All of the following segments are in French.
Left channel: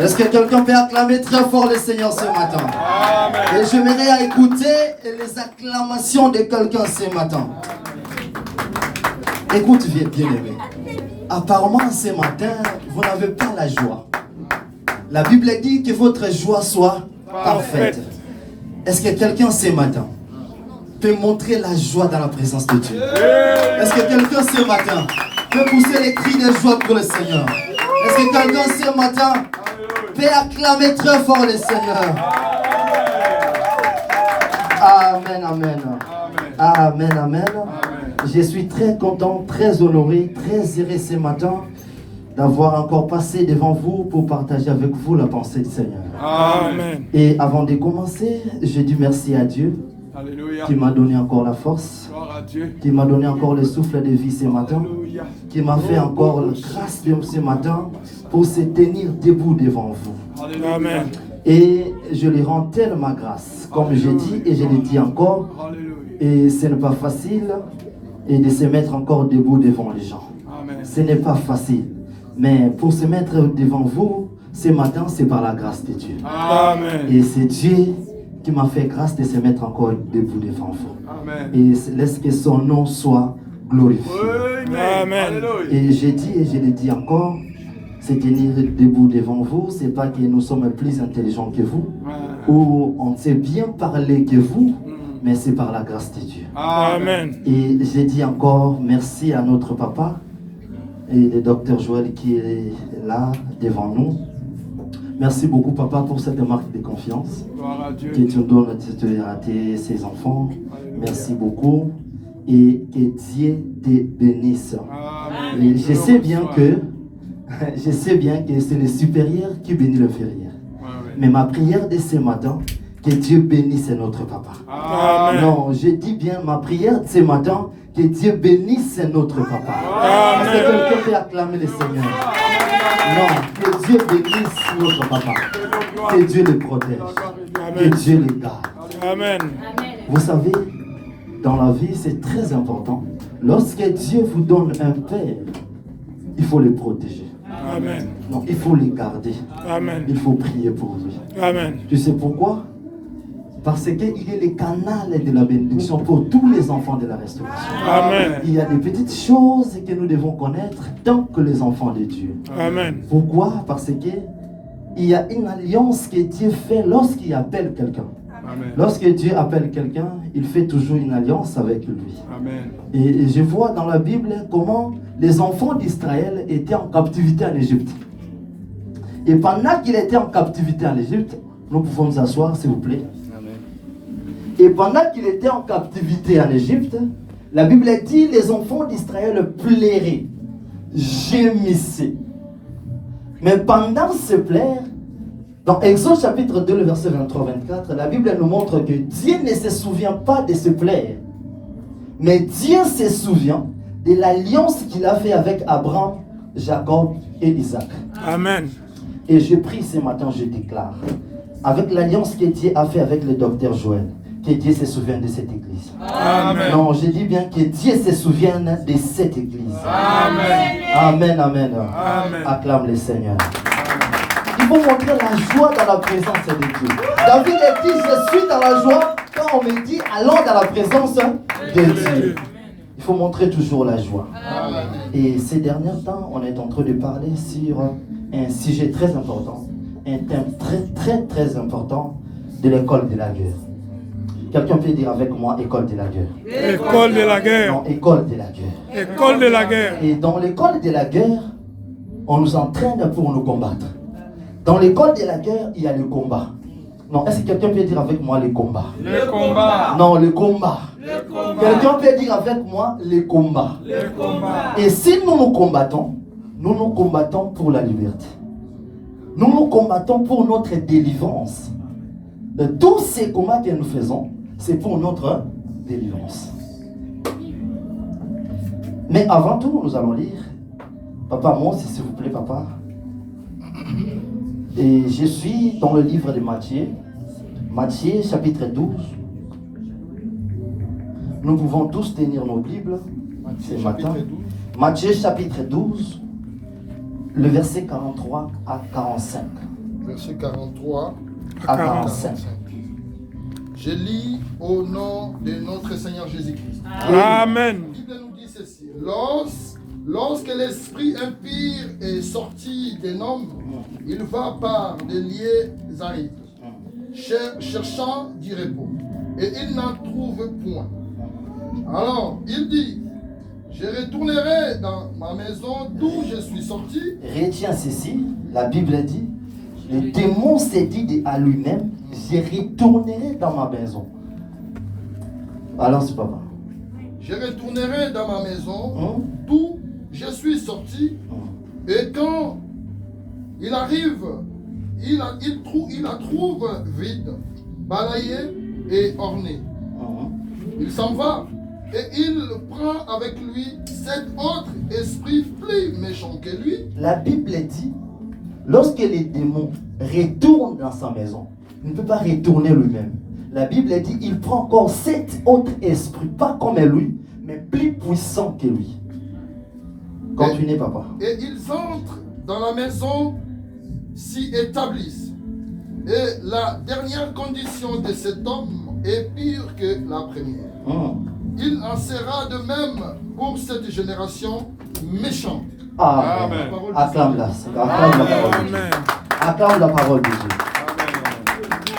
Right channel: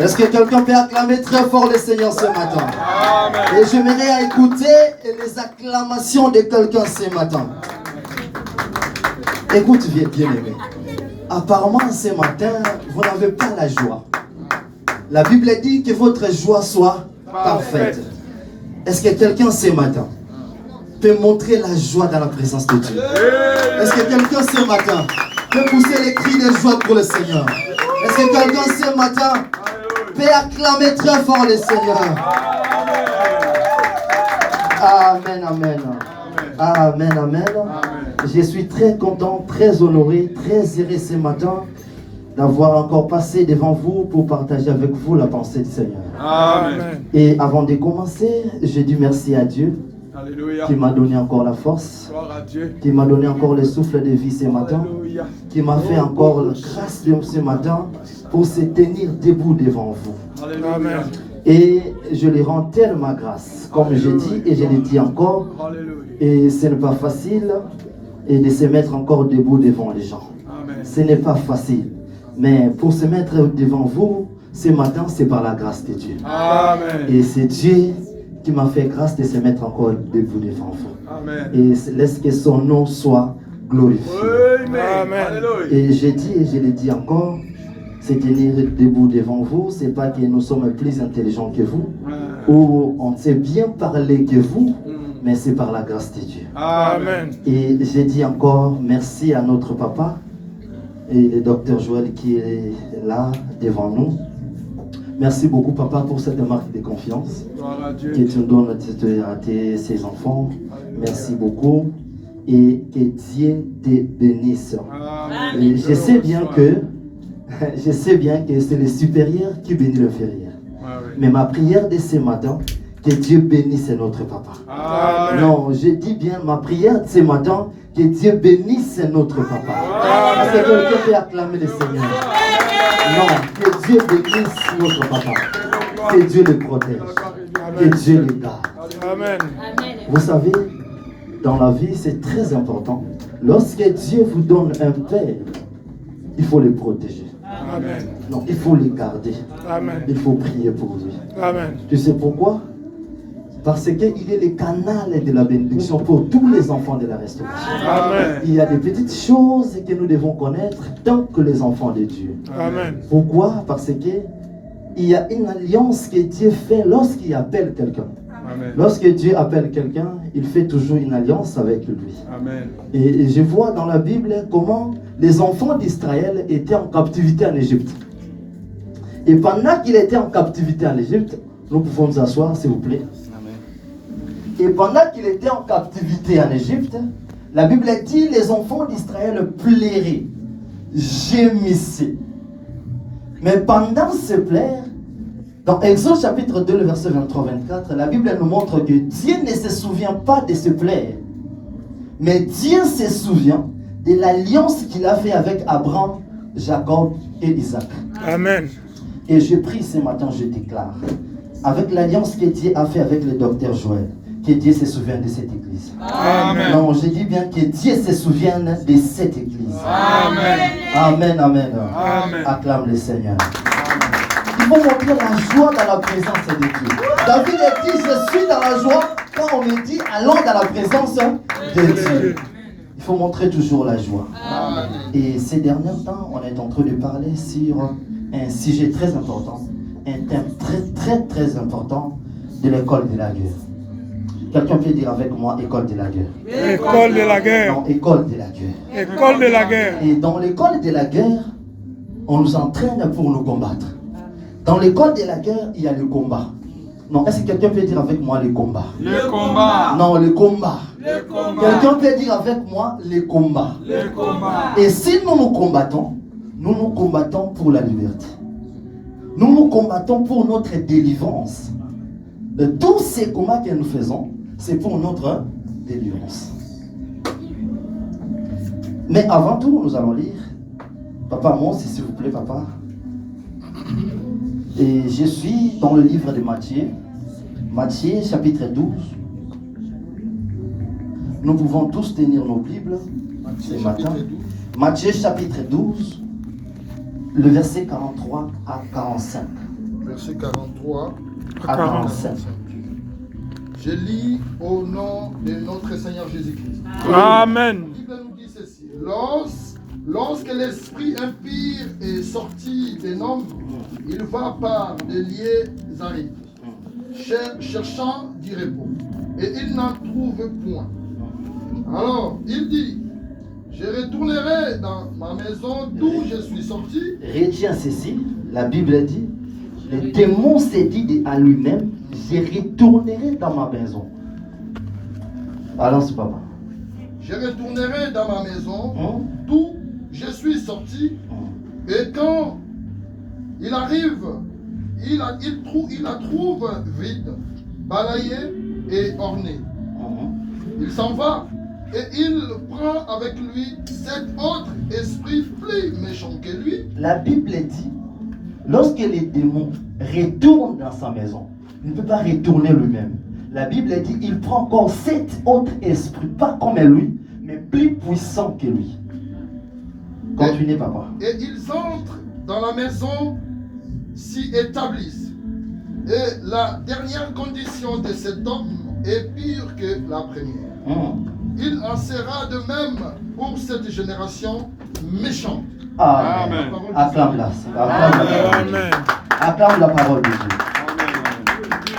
Est-ce que quelqu'un peut acclamer très fort le Seigneur ce matin? Amen. Et j'aimerais à écouter les acclamations de quelqu'un ce matin. Écoute, bien-aimé. Apparemment, ce matin, vous n'avez pas la joie. La Bible dit que votre joie soit parfaite. Est-ce que quelqu'un ce matin peut montrer la joie dans la présence de Dieu? Est-ce que quelqu'un ce matin peut pousser les cris de joie pour le Seigneur? Est-ce que quelqu'un ce matin peut acclamer très fort le Seigneur? Amen, amen. Amen, amen. Je suis très content, très honoré, très heureux ce matin d'avoir encore passé devant vous pour partager avec vous la pensée du Seigneur. Amen. Et avant de commencer, je dis merci à Dieu Alléluia. qui m'a donné encore la force, Gloire à Dieu. qui m'a donné encore le souffle de vie ce matin, Alléluia. qui m'a fait encore la grâce de ce matin pour se tenir debout devant vous. Alléluia. Amen. Et je lui rends tellement grâce, comme je dis et je le dis encore, Alléluia. et ce n'est pas facile et de se mettre encore debout devant les gens. Amen. Ce n'est pas facile, mais pour se mettre devant vous, ce matin, c'est par la grâce de Dieu. Amen. Et c'est Dieu qui m'a fait grâce de se mettre encore debout devant vous. Amen. Et laisse que son nom soit glorifié. Amen. Amen. Alléluia. Et j'ai dit et je le dis encore, se tenir debout devant vous, c'est pas que nous sommes plus intelligents que vous, ou on sait bien parler que vous, mais c'est par la grâce de Dieu. Amen. Et j'ai dit encore merci à notre papa et le docteur Joël qui est là devant nous. Merci beaucoup papa pour cette marque de confiance Gloire à Dieu. que tu donnes à ses enfants. Merci beaucoup et que Dieu te bénisse. Amen. Et je sais bien que c'est le supérieur qui bénit l'inférieur. Amen. Mais ma prière de ce matin, que Dieu bénisse notre papa. Amen. Non, je dis bien ma prière de ce matin, que Dieu bénisse notre papa. Est-ce que quelqu'un peut acclamer le Seigneur? Non, que Dieu bénisse notre papa. Que Dieu le protège. Que Dieu le garde. Amen. Vous savez, dans la vie, c'est très important. Lorsque Dieu vous donne un père, il faut le protéger. Amen. Non, il faut le garder. Amen. Il faut prier pour lui. Amen. Tu sais pourquoi? Parce qu'il est le canal de la bénédiction pour tous les enfants de la restauration. Amen. Il y a des petites choses que nous devons connaître tant que les enfants de Dieu. Amen. Pourquoi? Parce que il y a une alliance que Dieu fait lorsqu'il appelle quelqu'un. Amen. Lorsque Dieu appelle quelqu'un, il fait toujours une alliance avec lui. Amen. Et je vois dans la Bible comment les enfants d'Israël étaient en captivité en Égypte. Et pendant qu'il était en captivité en Égypte, nous pouvons nous asseoir s'il vous plaît. Et pendant qu'il était en captivité en Égypte, la Bible dit les enfants d'Israël pleuraient, gémissaient. Mais pendant ce pleurs, dans Exode chapitre 2, le verset 23-24, la Bible nous montre que Dieu ne se souvient pas de ce pleurs. Mais Dieu se souvient de l'alliance qu'il a fait avec Abraham, Jacob et Isaac. Amen. Et je prie ce matin, je déclare, avec l'alliance que Dieu a fait avec le docteur Joël, que Dieu se souvienne de cette église. Amen. Non, je dis bien que Dieu se souvienne de cette église. Amen. Amen, amen. Amen. Acclame le Seigneur. Il faut montrer la joie dans la présence de Dieu. David a dit, je suis dans la joie quand on me dit, allons dans la présence de Dieu. Il faut montrer toujours la joie. Amen. Et ces derniers temps, on est en train de parler sur un sujet très important, un thème très important de l'école de la guerre. Quelqu'un peut dire avec moi, école de la guerre. École de la guerre. Non, école de la guerre. École de la guerre. Et dans l'école de la guerre, on nous entraîne pour nous combattre. Dans l'école de la guerre, il y a le combat. Non, est-ce que quelqu'un peut dire avec moi le combat? Le combat. Non, le combat. Le combat. Quelqu'un peut dire avec moi le combat. Le combat. Et si nous nous combattons pour la liberté. Nous nous combattons pour notre délivrance. Tous ces combats que nous faisons, c'est pour notre délivrance. Mais avant tout, nous allons lire. Papa, moi aussi, s'il vous plaît, papa. Et je suis dans le livre de Matthieu. Matthieu, chapitre 12. Nous pouvons tous tenir nos Bibles ce matin. Matthieu, chapitre 12, le verset 43 à 45. verset 43 à 45. 45. Je lis au nom de notre Seigneur Jésus-Christ. Amen. La Bible nous dit ceci. Lorsque l'esprit impur est sorti d'un homme, il va par des lieux arides, cherchant du repos, et il n'en trouve point. Alors, il dit, je retournerai dans ma maison d'où je suis sorti. Retiens ceci, la Bible dit, le démon s'est dit à lui-même, je retournerai dans ma maison. Alors, c'est papa. Je retournerai dans ma maison d'où je suis sorti. Et quand il arrive, il la trouve vide, balayée et ornée. Il s'en va et il prend avec lui cet autre esprit plus méchant que lui. La Bible dit, lorsque les démons retournent dans sa maison, il ne peut pas retourner lui-même. La Bible dit, il prend encore cet autre esprit, pas comme lui, mais plus puissant que lui. Continuez, papa. Et ils entrent dans la maison, s'y établissent. Et la dernière condition de cet homme est pire que la première. Il en sera de même pour cette génération méchante. Amen. Amen. Acclame-la. Acclame la parole. Amen. Acclame la parole de Dieu.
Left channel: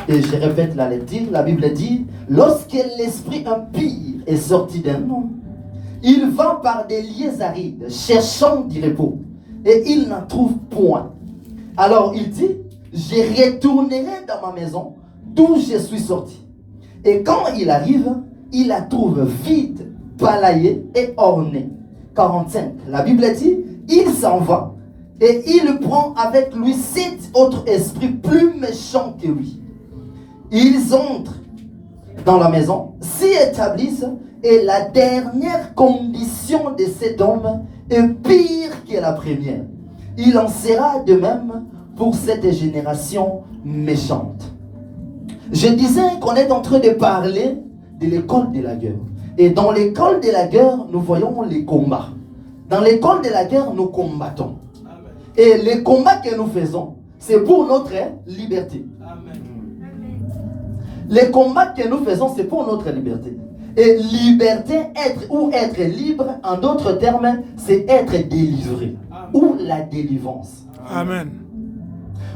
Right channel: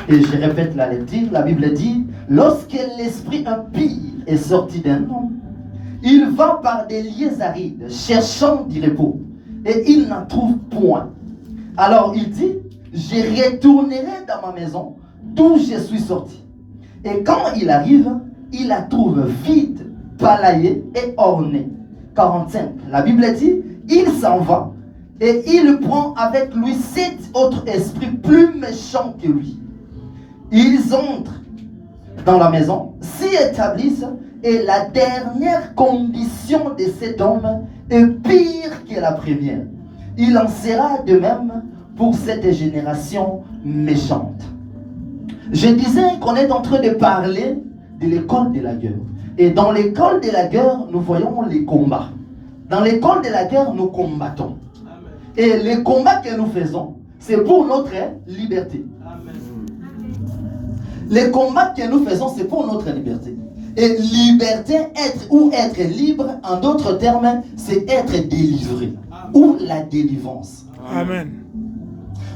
Et je répète la lecture, la Bible dit, lorsque l'esprit impur est sorti d'un homme, il va par des lieux arides, cherchant du repos, et il n'en trouve point. Alors il dit, je retournerai dans ma maison, d'où je suis sorti. Et quand il arrive, il la trouve vide, balayée et ornée. 45. La Bible dit, il s'en va, et il prend avec lui 7 autres esprits plus méchants que lui. Ils entrent dans la maison, s'y établissent, et la dernière condition de cet homme est pire que la première. Il en sera de même pour cette génération méchante. Je disais qu'on est en train de parler de l'école de la guerre. Et dans l'école de la guerre, nous voyons les combats. Dans l'école de la guerre, nous combattons. Et les combats que nous faisons, c'est pour notre liberté. Les combats que nous faisons, c'est pour notre liberté. Et liberté, être libre, en d'autres termes, c'est être délivré. Ou la délivrance. Amen.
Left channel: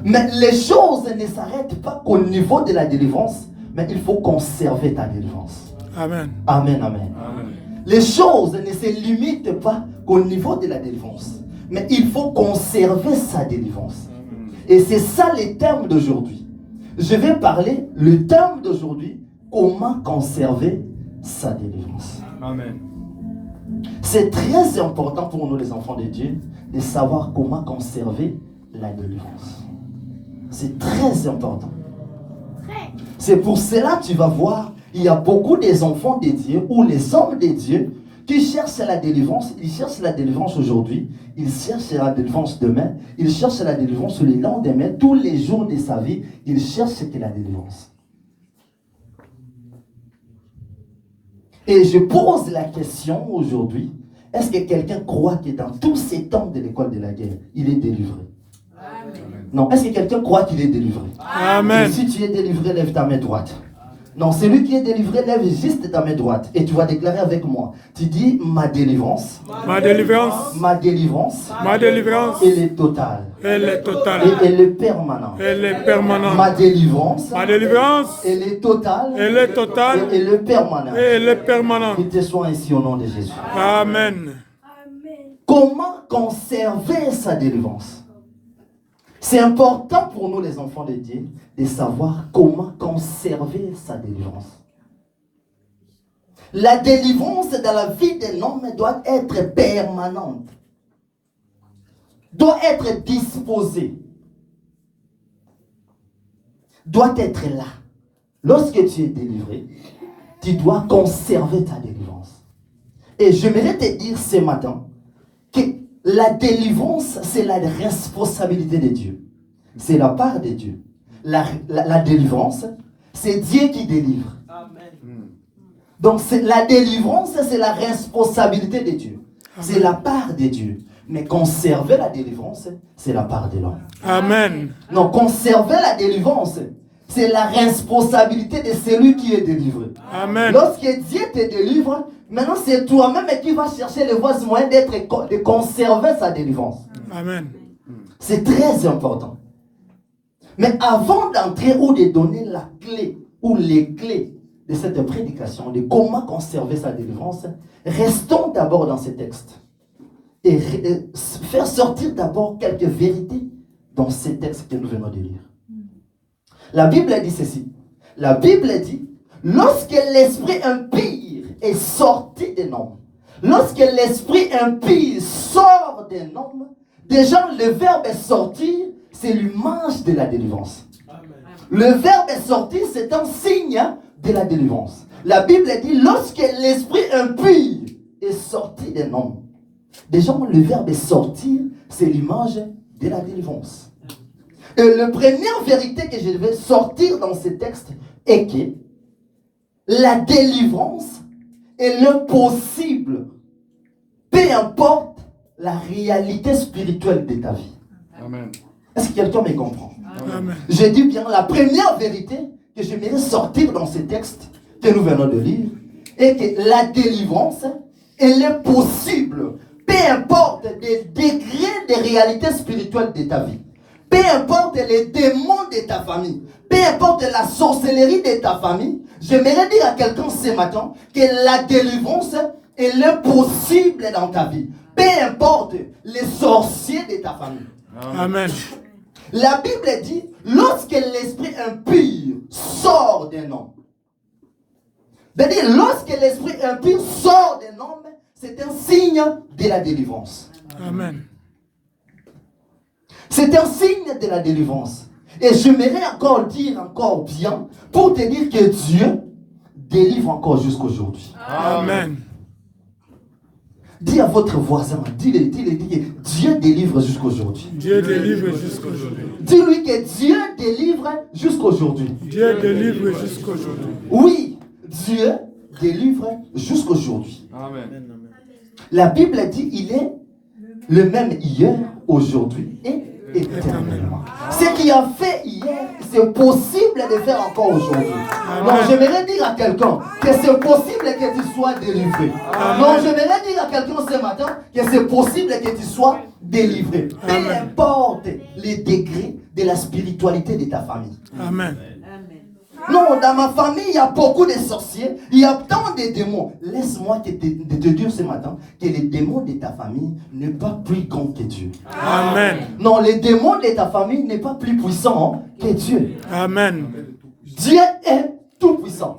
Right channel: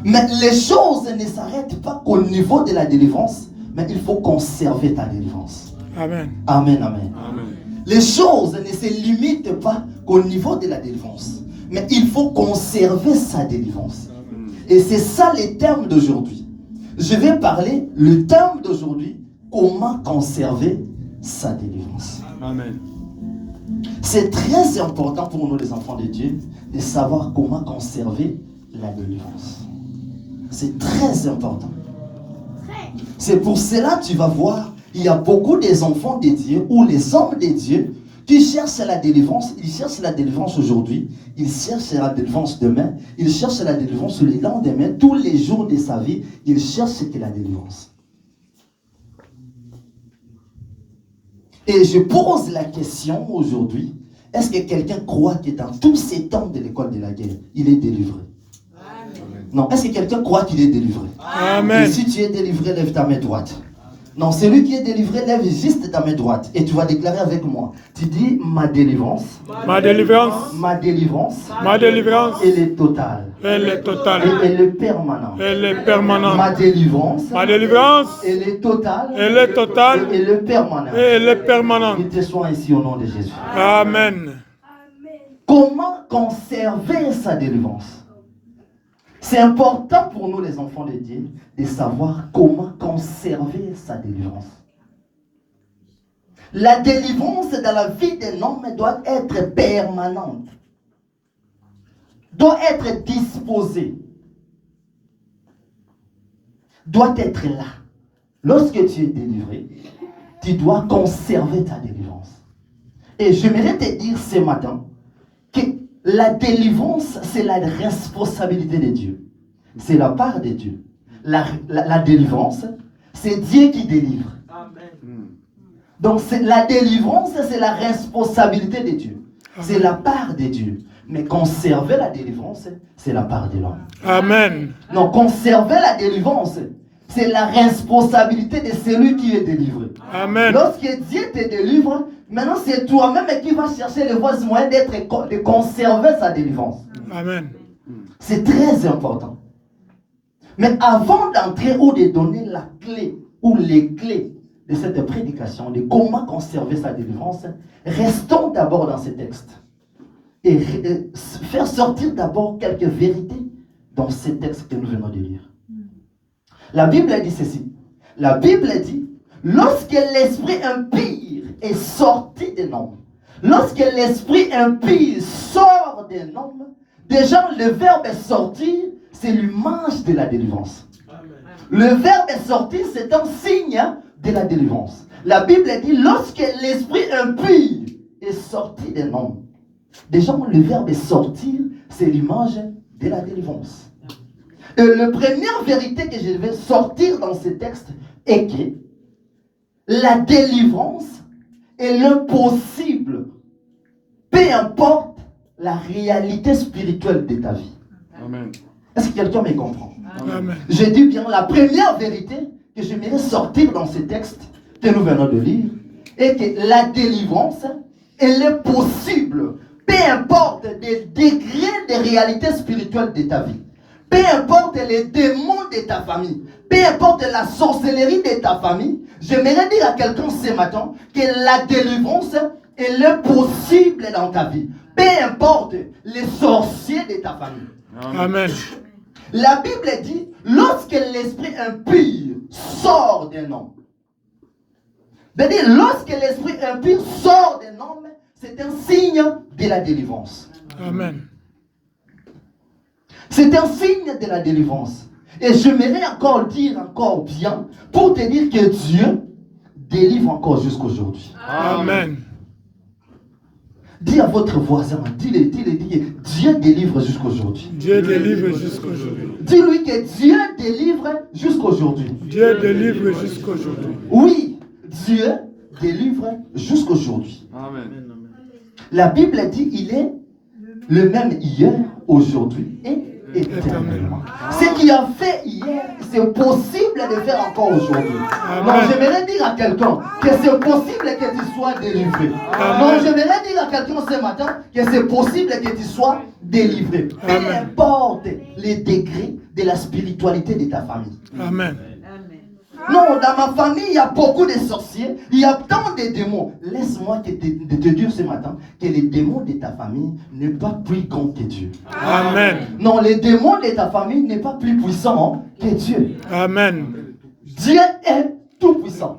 Mais les choses ne s'arrêtent pas qu'au niveau de la délivrance, mais il faut conserver ta délivrance. Amen. Amen, amen. Les choses ne se limitent pas qu'au niveau de la délivrance, mais il faut conserver sa délivrance. Et c'est ça le thème d'aujourd'hui. Je vais parler, le thème d'aujourd'hui, comment conserver sa délivrance. Amen. C'est très important pour nous les enfants de Dieu de savoir comment conserver la délivrance. C'est très important. C'est pour cela que tu vas voir, il y a beaucoup des enfants de Dieu ou les hommes de Dieu qui cherchent la délivrance. Ils cherchent la délivrance aujourd'hui, ils cherchent la délivrance demain, ils cherchent la délivrance le lendemain, tous les jours de sa vie, ils cherchent la délivrance. Et je pose la question aujourd'hui, est-ce que quelqu'un croit que dans tous ces temps de l'école de la guerre, il est délivré? Non, est-ce que quelqu'un croit qu'il est délivré? Amen. Et si tu es délivré, lève ta main droite. Non, celui qui est délivré, lève juste ta main droite. Et tu vas déclarer avec moi. Tu dis, ma délivrance. Ma délivrance. Ma délivrance. Ma délivrance. Elle est totale. Elle est Et totale. elle est permanente. Elle est permanente. Ma délivrance. Ma délivrance. Elle est totale. Elle est totale. Et elle est permanente. Et elle est permanente. Il te soit ainsi au nom de Jésus. Amen. Comment conserver sa délivrance? C'est important pour nous les enfants de Dieu de savoir comment conserver sa délivrance. La délivrance dans la vie d'un homme doit être permanente. Doit être disposée. Doit être là. Lorsque tu es délivré, tu dois conserver ta délivrance. Et j'aimerais te dire ce matin que la délivrance, c'est la responsabilité de Dieu. C'est la part de Dieu. La délivrance, c'est Dieu qui délivre. Amen. Donc la délivrance, c'est la responsabilité de Dieu. C'est la part de Dieu. Mais conserver la délivrance, c'est la part de l'homme. Amen. Non, conserver la délivrance, c'est la responsabilité de celui qui est délivré. Amen. Lorsque Dieu te délivre, maintenant c'est toi-même qui vas chercher les voies moyens de conserver sa délivrance. Amen. C'est très important. Mais avant d'entrer ou de donner la clé ou les clés de cette prédication, de comment conserver sa délivrance, restons d'abord dans ces textes. Et faire sortir d'abord quelques vérités dans ces textes que nous venons de lire. La Bible dit ceci. La Bible dit, lorsque l'esprit impur est sorti d'un homme, lorsque l'esprit impur sort d'un homme, déjà le verbe sortir, c'est l'image de la délivrance. Amen. Le verbe sortir, c'est un signe de la délivrance. La Bible dit, lorsque l'esprit impur est sorti d'un homme, déjà le verbe sortir, c'est l'image de la délivrance. Et la première vérité que je vais sortir dans ce texte est que la délivrance est le possible, peu importe la réalité spirituelle de ta vie. Amen. Est-ce que quelqu'un me comprend? Amen. Je dis bien, la première vérité que je vais sortir dans ce texte que nous venons de lire est que la délivrance elle est possible, peu importe les degrés de réalité spirituelle de ta vie. Peu importe les démons de ta famille, peu importe la sorcellerie de ta famille, j'aimerais dire à quelqu'un ce matin que la délivrance, elle est possible dans ta vie. Peu importe les sorciers de ta famille. Amen. La Bible dit, lorsque l'esprit impur sort d'un homme, c'est-à-dire lorsque l'esprit impur sort d'un homme, c'est un signe de la délivrance. Amen. C'est un signe de la délivrance. Et j'aimerais encore dire encore bien pour te dire que Dieu délivre encore jusqu'aujourd'hui. Amen. Dis à votre voisin, dis-le, Dieu délivre jusqu'aujourd'hui. Dieu délivre jusqu'aujourd'hui. Dis-lui que Dieu délivre jusqu'aujourd'hui. Dieu délivre jusqu'aujourd'hui. Oui, Dieu délivre jusqu'aujourd'hui. Amen. La Bible dit il est le même hier, aujourd'hui et éternellement. Ce qu'il a fait hier, c'est possible de faire encore aujourd'hui. Donc j'aimerais dire à quelqu'un que c'est possible que tu sois délivré. Donc j'aimerais dire à quelqu'un ce matin que c'est possible que tu sois délivré. Peu importe les degrés de la spiritualité de ta famille. Amen. Non, dans ma famille, il y a beaucoup de sorciers, il y a tant de démons. Laisse-moi te dire ce matin que les démons de ta famille n'est pas plus grand que Dieu. Amen. Non, les démons de ta famille n'est pas plus puissant que Dieu. Amen. Dieu est tout puissant.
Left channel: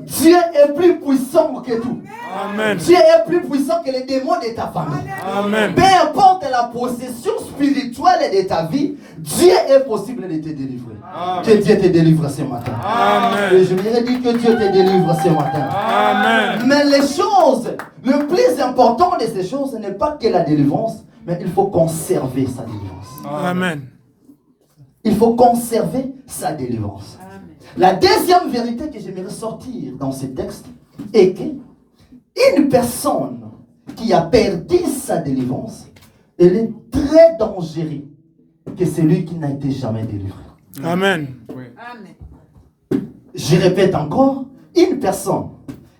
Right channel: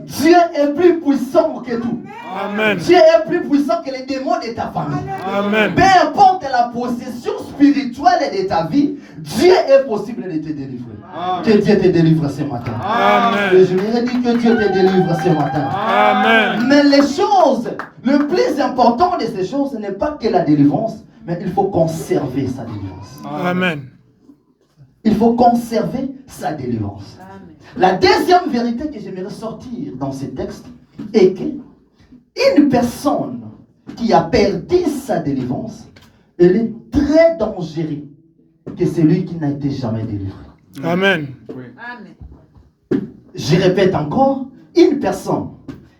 Dieu est plus puissant que tout. Amen. Dieu est plus puissant que les démons de ta famille. Amen. Peu importe la possession spirituelle de ta vie, Dieu est possible de te délivrer. Que Dieu te délivre ce matin. Amen. Et je voudrais dire que Dieu te délivre ce matin. Amen. Mais les choses, le plus important de ces choses, ce n'est pas que la délivrance, mais il faut conserver sa délivrance. Amen. Il faut conserver sa délivrance. La deuxième vérité que j'aimerais sortir dans ce texte est qu'une personne qui a perdu sa délivrance, elle est très dangereuse que celui qui n'a été jamais délivré. Amen. Je répète encore, une personne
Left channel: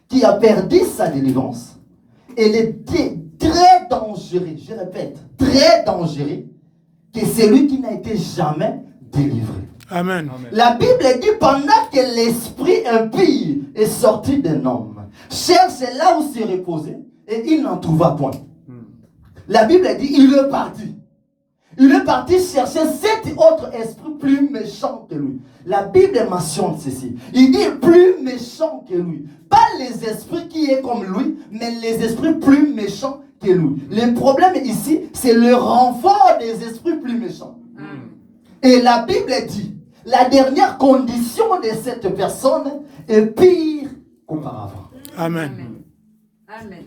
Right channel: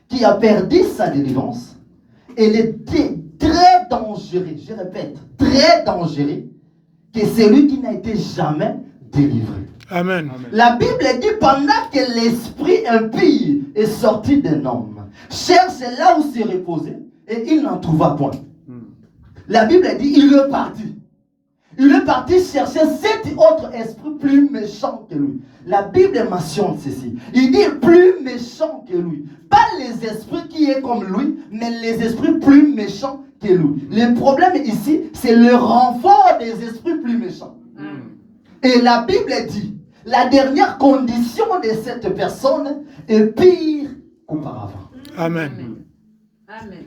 qui a perdu sa délivrance, elle est très dangereuse, je répète, très dangereuse que celui qui n'a été jamais délivré. Amen. La Bible dit pendant que l'esprit impur est sorti d'un homme, cherche là où se reposer et il n'en trouva point. La Bible dit il est parti. Il est parti chercher 7 autres esprits plus méchants que lui. La Bible mentionne ceci. Il dit plus méchants que lui. Pas les esprits qui est comme lui, mais les esprits plus méchants que lui. Le problème ici, c'est le renfort des esprits plus méchants. Et la Bible dit, la dernière condition de cette personne est pire qu'auparavant. Amen.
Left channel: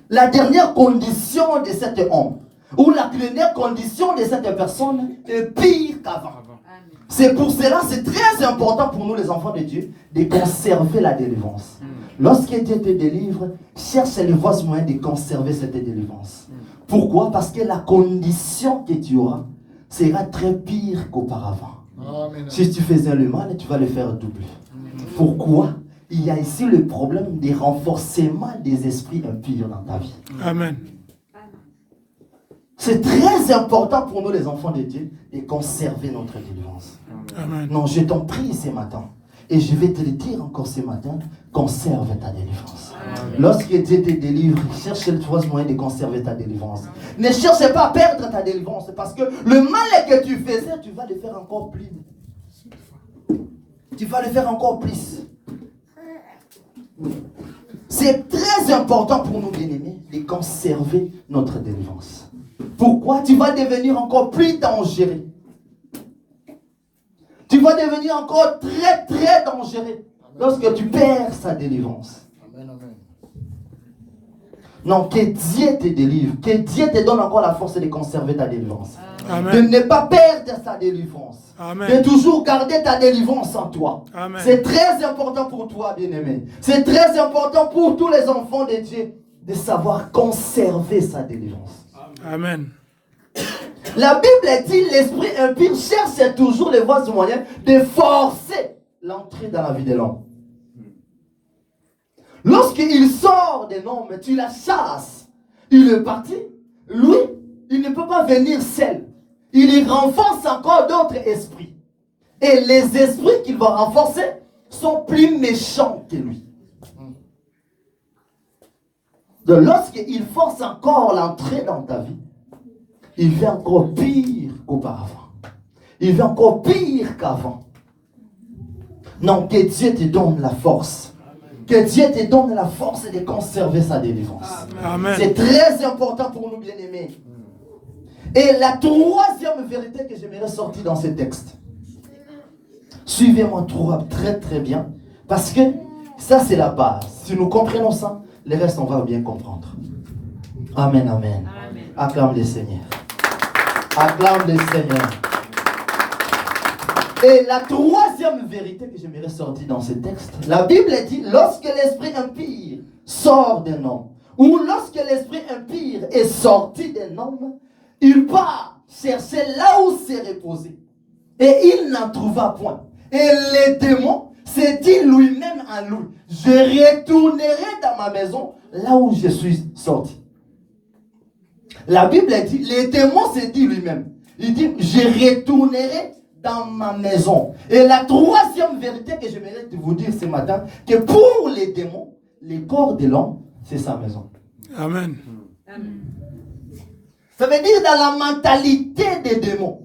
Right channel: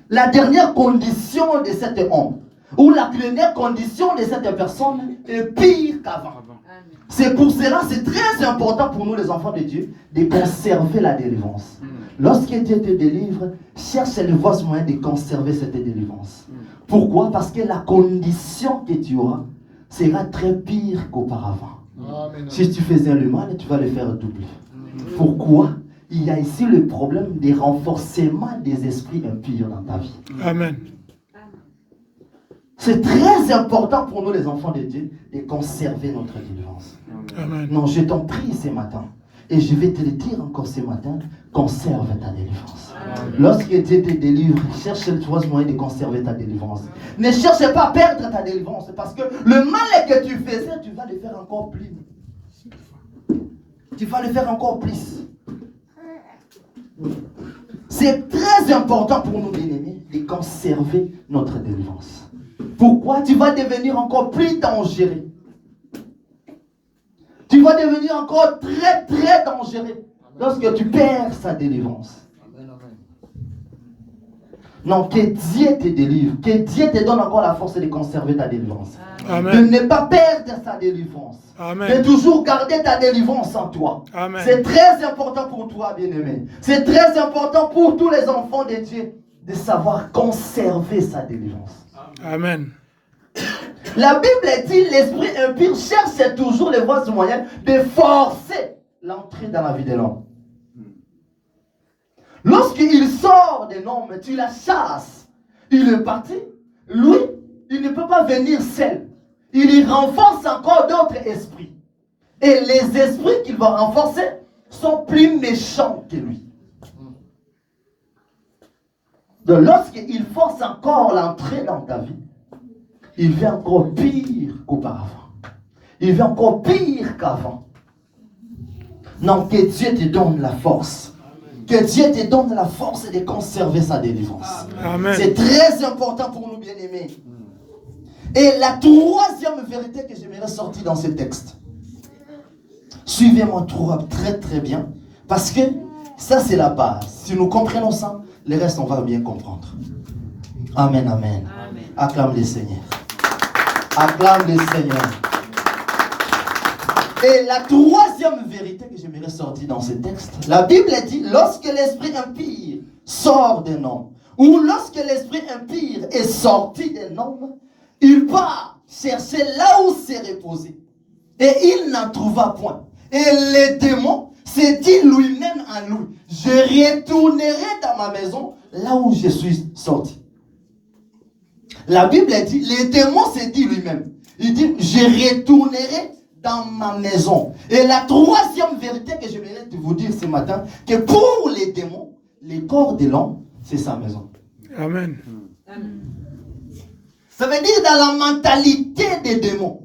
La dernière condition de cet homme, ou la dernière condition de cette personne est pire qu'avant. C'est pour cela, c'est très important pour nous les enfants de Dieu de conserver la délivrance. Lorsque Dieu te délivre, cherche les voies moyens de conserver cette délivrance. Pourquoi? Parce que la condition que tu auras sera très pire qu'auparavant. Amen. Si tu faisais le mal, tu vas le faire double. Pourquoi? Il y a ici le problème des renforcements des esprits impurs dans ta vie. Amen. C'est très important pour nous les enfants de Dieu de conserver notre délivrance. Amen. Non, je t'en prie ce matin. Et je vais te le dire encore ce matin, conserve ta délivrance. Lorsque Dieu te délivre, cherche le moyen de conserver ta délivrance. Ne cherche pas à perdre ta délivrance, parce que le mal que tu faisais, tu vas le faire encore plus. Tu vas le faire encore plus. C'est très important pour nous, bien-aimés, de conserver notre délivrance. Pourquoi? Tu vas devenir encore plus dangereux. Tu vas devenir encore très, très dangereux lorsque tu perds sa délivrance. Amen, amen. Non, que Dieu te délivre, que Dieu te donne encore la force de conserver ta délivrance. Amen. De ne pas perdre sa délivrance. Amen. De toujours garder ta délivrance en toi. Amen. C'est très important pour toi, bien-aimé. C'est très important pour tous les enfants de Dieu de savoir conserver sa délivrance. Amen. La Bible dit l'esprit impur cherche toujours les voies et moyens de forcer l'entrée dans la vie de l'homme. Lorsqu'il sort de l'homme, tu la chasses. Il est parti. Lui, il ne peut pas venir seul. Il y renforce encore d'autres esprits. Et les esprits qu'il va renforcer sont plus méchants que lui. Donc lorsqu'il force encore l'entrée dans ta vie, il fait encore pire qu'auparavant. Il fait encore pire qu'avant. Non, que Dieu te donne la force. Que Dieu te donne la force de conserver sa délivrance. Amen. C'est très important pour nous, bien-aimés. Et la troisième vérité que j'aimerais sortir dans ce texte. Suivez-moi très très bien. Parce que ça, c'est la base. Si nous comprenons ça, le reste, on va bien comprendre. Amen, amen. Amen. Acclame le Seigneur. Acclame le Seigneur. Et la troisième vérité que j'aimerais sortir dans ce texte, la Bible dit, lorsque l'esprit impur sort d'un homme, ou lorsque l'esprit impur est sorti d'un homme, il part chercher là où s'est reposé. Et il n'en trouva point. Et le démon s'est dit lui-même en lui, je retournerai dans ma maison là où je suis sorti. La Bible dit, le démon s'est dit lui-même, il dit, je retournerai dans ma maison. Et la troisième vérité que je vais vous dire ce matin, que pour les démons, le corps de l'homme, c'est sa maison. Amen. Amen. Ça veut dire dans la mentalité des démons.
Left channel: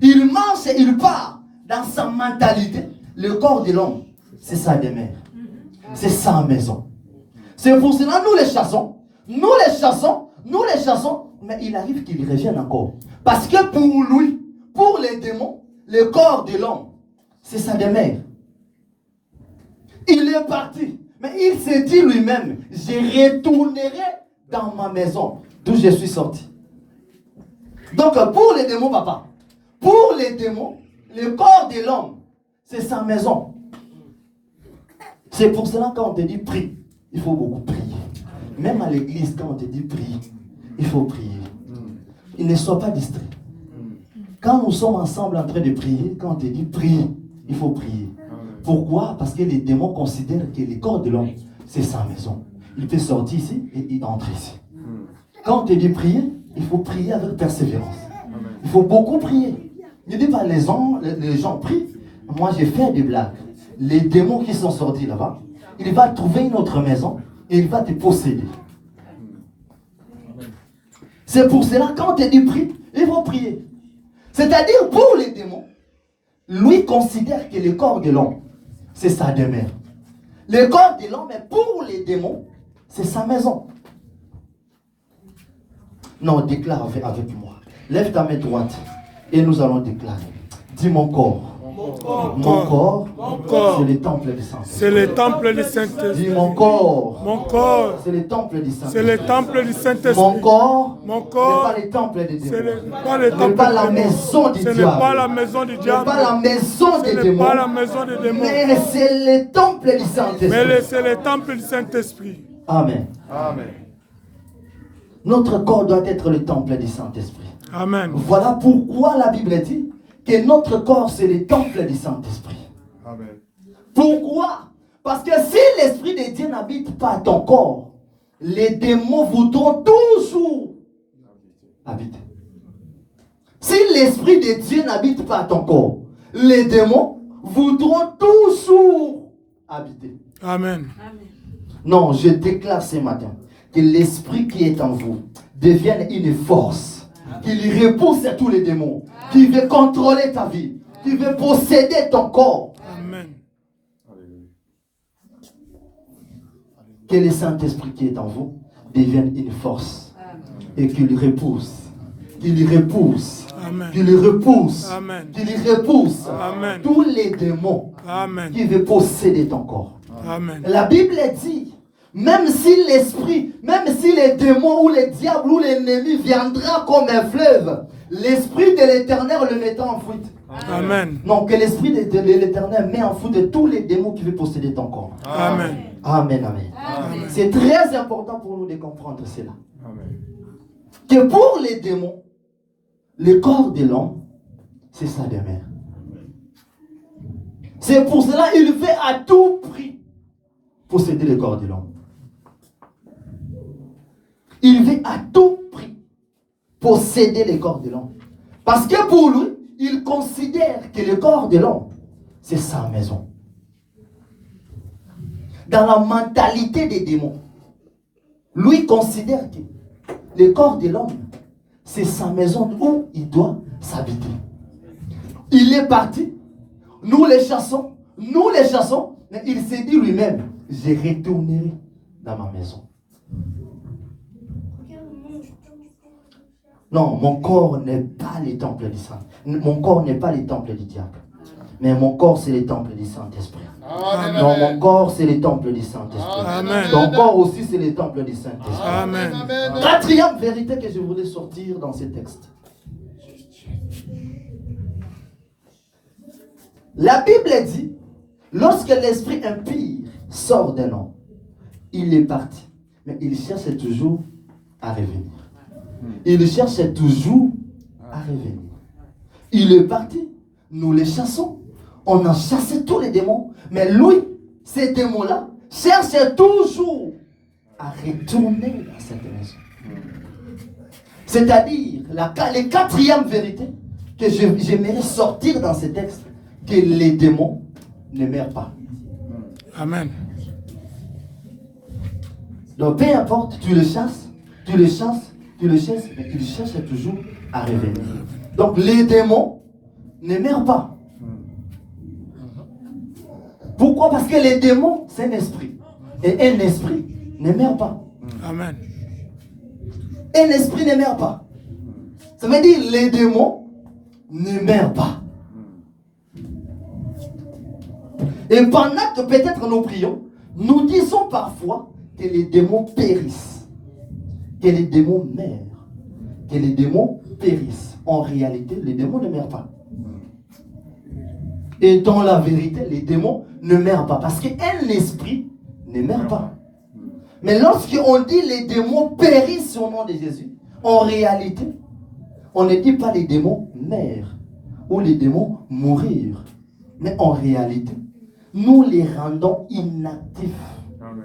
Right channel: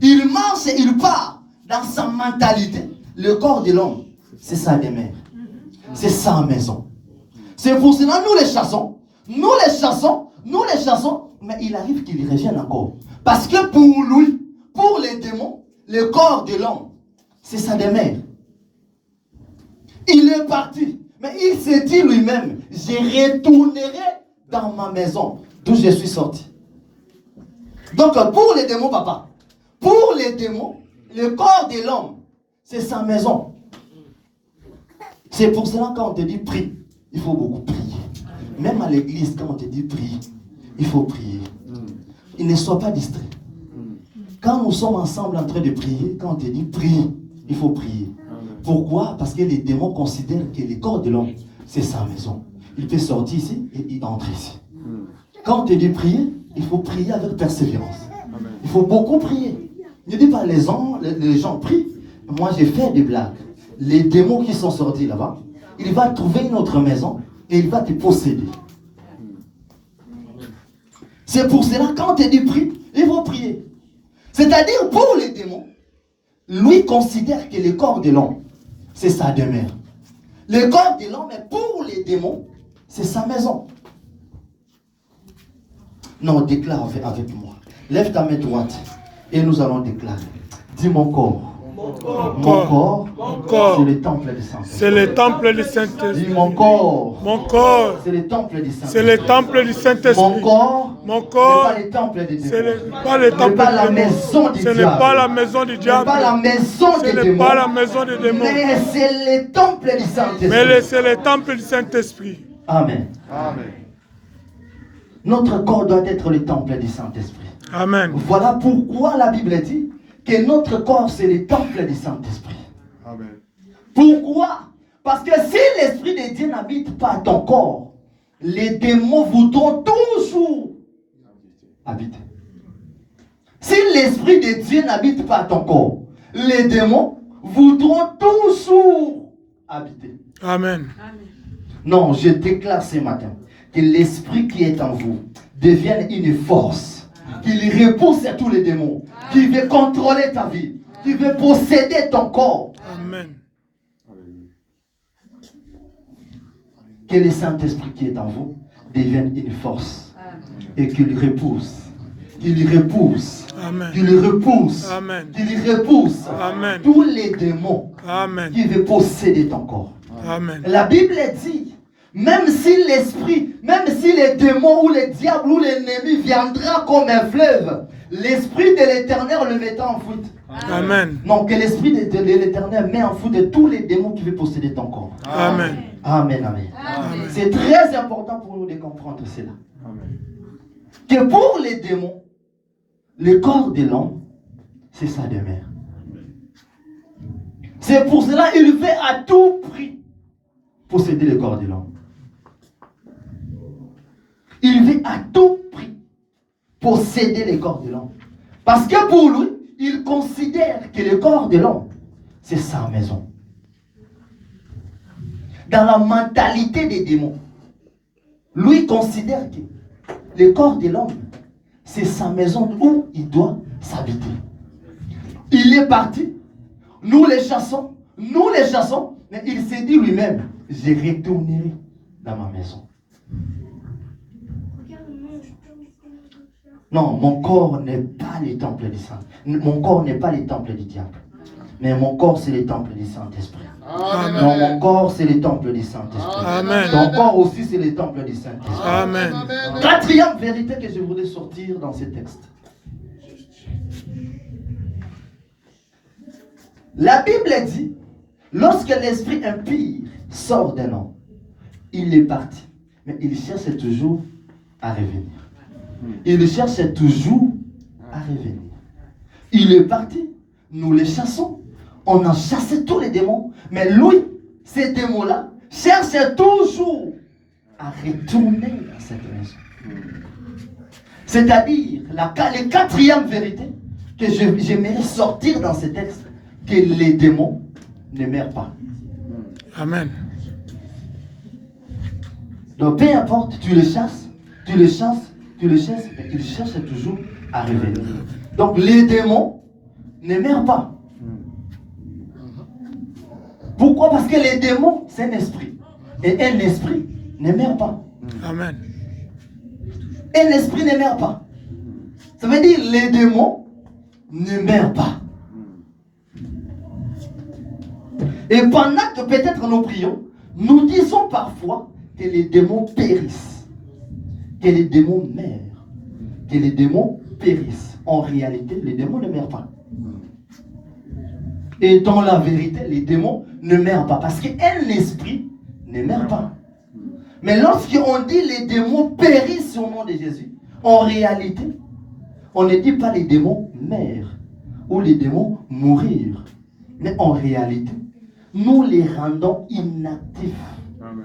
Il marche et il part dans sa mentalité. Le corps de l'homme, c'est sa demeure. C'est sa maison. C'est pour cela que nous les chassons. Nous les chassons, mais il arrive qu'il revienne encore. Parce que pour lui, pour les démons, le corps de l'homme, c'est sa demeure. Il est parti, mais il s'est dit lui-même, je retournerai dans ma maison, d'où je suis sorti. Donc pour les démons, papa, pour les démons, le corps de l'homme, c'est sa maison. C'est pour cela quand on te dit prie, il faut beaucoup prier. Même à l'église, quand on te dit prie, il faut prier. Il ne soit pas distrait. Quand nous sommes ensemble en train de prier, quand on te dit prie, il faut prier. Pourquoi? Parce que les démons considèrent que le corps de l'homme, c'est sa maison. Il peut sortir ici et il entre ici. Quand on te dit prier, il faut prier avec persévérance. Il faut beaucoup prier. Ne dis pas les gens prient. Moi, j'ai fait des blagues. Les démons qui sont sortis là-bas, il va trouver une autre maison et il va te posséder. C'est pour cela, quand on te dit prie, il faut prier. C'est-à-dire, pour les démons, lui considère que le corps de l'homme, c'est sa demeure. Le corps de l'homme, pour les démons, c'est sa maison. Non, déclare avec moi. Lève ta main droite et nous allons déclarer. Dis mon corps. Mon corps, corps, c'est le temple du Saint-Esprit. c'est le temple du Dis Saint-Esprit. mon corps, Mon corps, c'est le temple du c'est Saint-Esprit. le temple du Mon Saint-Esprit. corps, Mon ce corps, n'est pas le temple des ce n'est démons. pas le Ce temple n'est pas la du démon. maison du Ce n'est diable. pas la maison du Ce n'est diable. pas la maison Ce des n'est démons. pas la maison des démons. Mais c'est le temple du Saint-Esprit. Mais c'est le temple du Saint-Esprit. Amen. Amen. Notre corps doit être le temple du Saint-Esprit. Amen. Voilà pourquoi la Bible dit que notre corps, c'est le temple du Saint-Esprit. Amen. Pourquoi? Parce que si l'Esprit de Dieu n'habite pas ton corps, les démons voudront toujours habiter. Si l'Esprit de Dieu n'habite pas ton corps, les démons voudront toujours habiter. Amen. Non, je déclare ce matin que l'Esprit qui est en vous devienne une force, qu'il repousse tous les démons, qui veut contrôler ta vie, qui veut posséder ton corps. Amen. Que le Saint-Esprit qui est en vous devienne une force et qu'il repousse, qu'il repousse, Amen. qu'il repousse, Amen. qu'il repousse Amen. tous les démons Amen. qui veulent posséder ton corps. Amen. La Bible dit, même si l'esprit, même si les démons ou les diables ou l'ennemi viendra comme un fleuve, l'Esprit de l'Éternel le mettra en fuite. Amen. Non, que l'Esprit de l'Éternel met en fuite de tous les démons qui veulent posséder ton corps. Amen. Amen, amen. Amen. C'est très important pour nous de comprendre cela. Amen. Que pour les démons, le corps de l'homme, c'est sa demeure. C'est pour cela qu'il veut à tout prix posséder le corps de l'homme. Il veut à tout prix posséder le corps de l'homme. Parce que pour lui, il considère que le corps de l'homme, c'est sa maison. Dans la mentalité des démons, lui considère que le corps de l'homme, c'est sa maison où il doit s'habiter. Il est parti, nous les chassons, mais il s'est dit lui-même, je retournerai dans ma maison. Non, mon corps n'est pas le temple du Saint. Mon corps n'est pas le temple du diable. Mais mon corps, c'est le temple du Saint-Esprit. Amen. Non, mon corps, c'est le temple du Saint-Esprit. Amen. Ton corps aussi, c'est le temple du Saint-Esprit. Amen. Quatrième vérité que je voulais sortir dans ce texte. La Bible dit, lorsque l'esprit impur sort d'un homme, il est parti. Mais il cherche toujours à revenir. Il cherche toujours à revenir. Il est parti. Nous les chassons. On a chassé tous les démons. Mais lui, ces démons-là, cherchent toujours à retourner dans cette maison. C'est-à-dire, la quatrième vérité que j'aimerais sortir dans ce texte, que les démons ne meurent pas. Amen. Donc, peu importe, tu les chasses, mais ils cherchent toujours à revenir. Donc, les démons ne meurent pas. Pourquoi? Parce que les démons, c'est un esprit. Et un esprit ne meurt pas. Amen. Un esprit ne meurt pas. Ça veut dire les démons ne meurent pas. Et pendant que peut-être nous prions, nous disons parfois que les démons périssent. Que les démons meurent. Que les démons périssent. En réalité, les démons ne meurent pas. Et dans la vérité, les démons ne meurent pas. Parce qu'un esprit ne meurt pas. Mais lorsqu'on dit les démons périssent au nom de Jésus, en réalité, on ne dit pas les démons meurent ou les démons mourir. Mais en réalité, nous les rendons inactifs. Amen.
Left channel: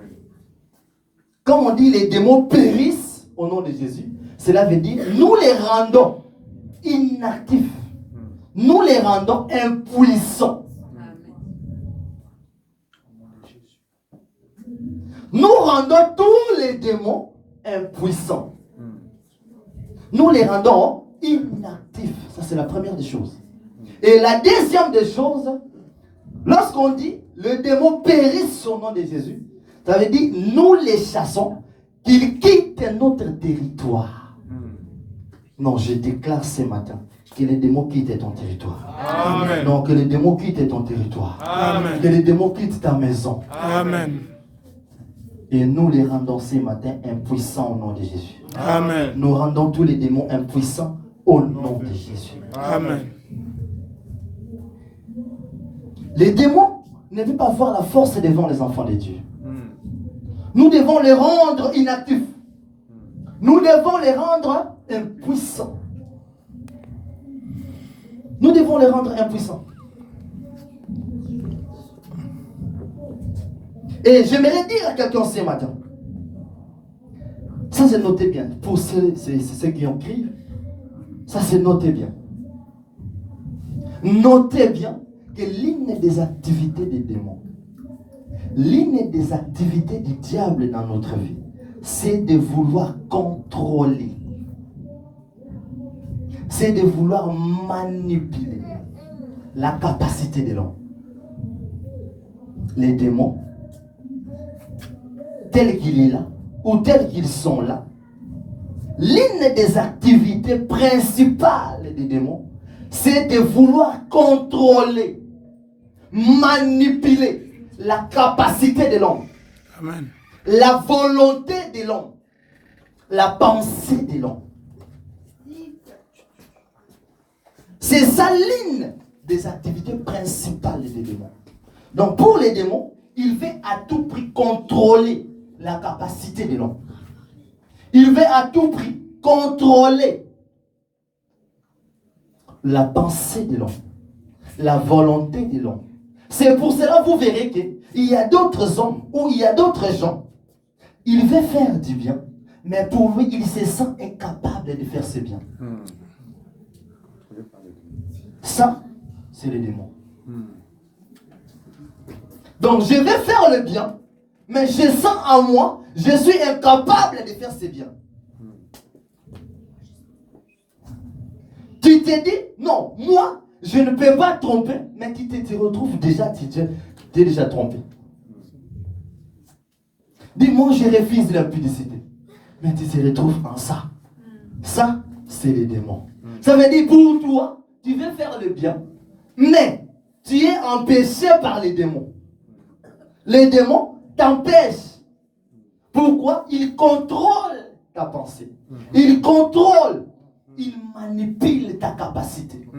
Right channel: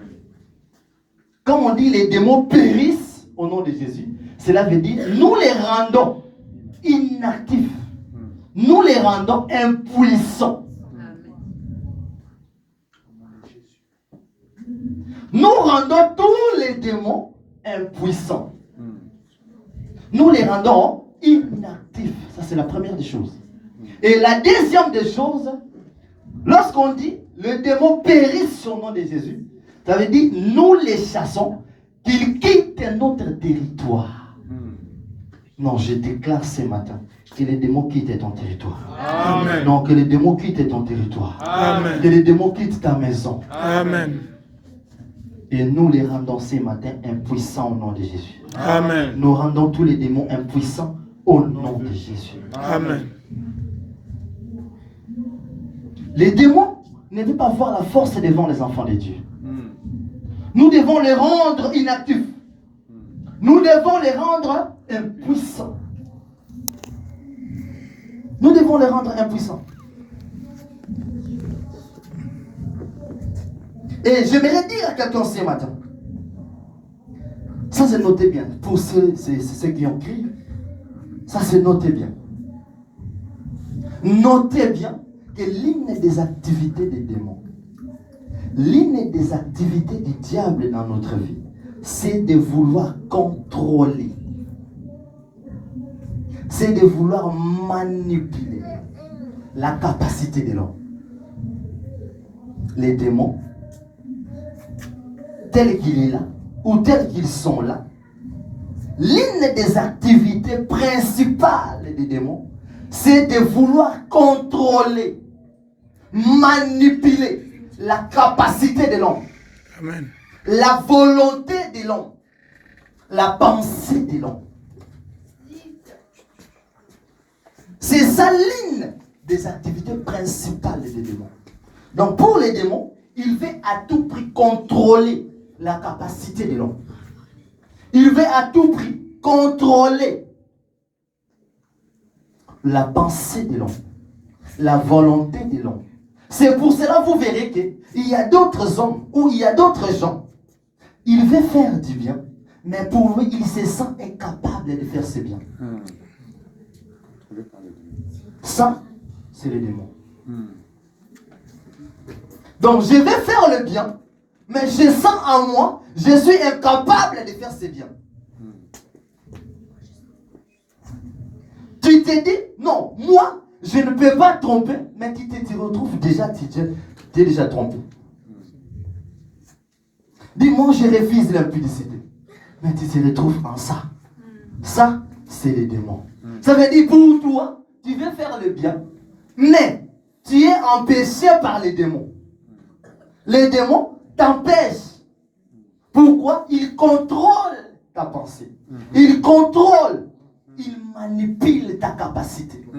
Quand on dit les démons périssent au nom de Jésus, cela veut dire nous les rendons inactifs. Nous les rendons impuissants. Nous rendons tous les démons impuissants. Nous les rendons inactifs. Ça, c'est la première des choses. Et la deuxième des choses, lorsqu'on dit le démon périsse au nom de Jésus, ça veut dire nous les chassons, qu'ils quittent notre territoire. Non, je déclare ce matin Que les démons quittent ton territoire. Amen. Non, que les démons quittent ton territoire. Amen. Que les démons quittent ta maison. Amen. Et nous les rendons ce matin impuissants au nom de Jésus. Amen. Nous rendons tous les démons impuissants au nom de Jésus. Amen. Les démons ne peuvent pas avoir la force devant les enfants de Dieu. Nous devons les rendre inactifs. Nous devons les rendre impuissants. Nous devons les rendre impuissants. Et j'aimerais dire à quelqu'un ce matin, ça c'est noté bien, pour ceux qui ont crié, ça c'est noté bien. Notez bien que l'une des activités des démons, l'une des activités du diable dans notre vie, c'est de vouloir contrôler. C'est de vouloir manipuler la capacité de l'homme. Les démons, tels qu'il est là, ou tels qu'ils sont là, l'une des activités principales des démons, c'est de vouloir contrôler, manipuler la capacité de l'homme. Amen. La volonté de l'homme, la pensée de l'homme. C'est ça l'une des activités principales des démons. Donc pour les démons, il veut à tout prix contrôler la capacité de l'homme. Il veut à tout prix contrôler la pensée de l'homme, la volonté de l'homme. C'est pour cela que vous verrez qu'il y a d'autres hommes ou il y a d'autres gens. Il veut faire du bien, mais pour lui, il se sent incapable de faire ce bien. Ça, c'est le démon. Donc, je vais faire le bien, mais je sens en moi, je suis incapable de faire ce bien. Tu te dis, non, moi, je ne peux pas tromper, mais tu te retrouves déjà, tu es déjà trompé. Dis-moi, je refuse l'impudicité. Mais tu te retrouves en ça. Ça, c'est les démons. Ça veut dire pour toi, tu veux faire le bien, mais tu es empêché par les démons. Les démons t'empêchent. Pourquoi? Ils contrôlent ta pensée. Ils contrôlent. Ils manipulent ta capacité.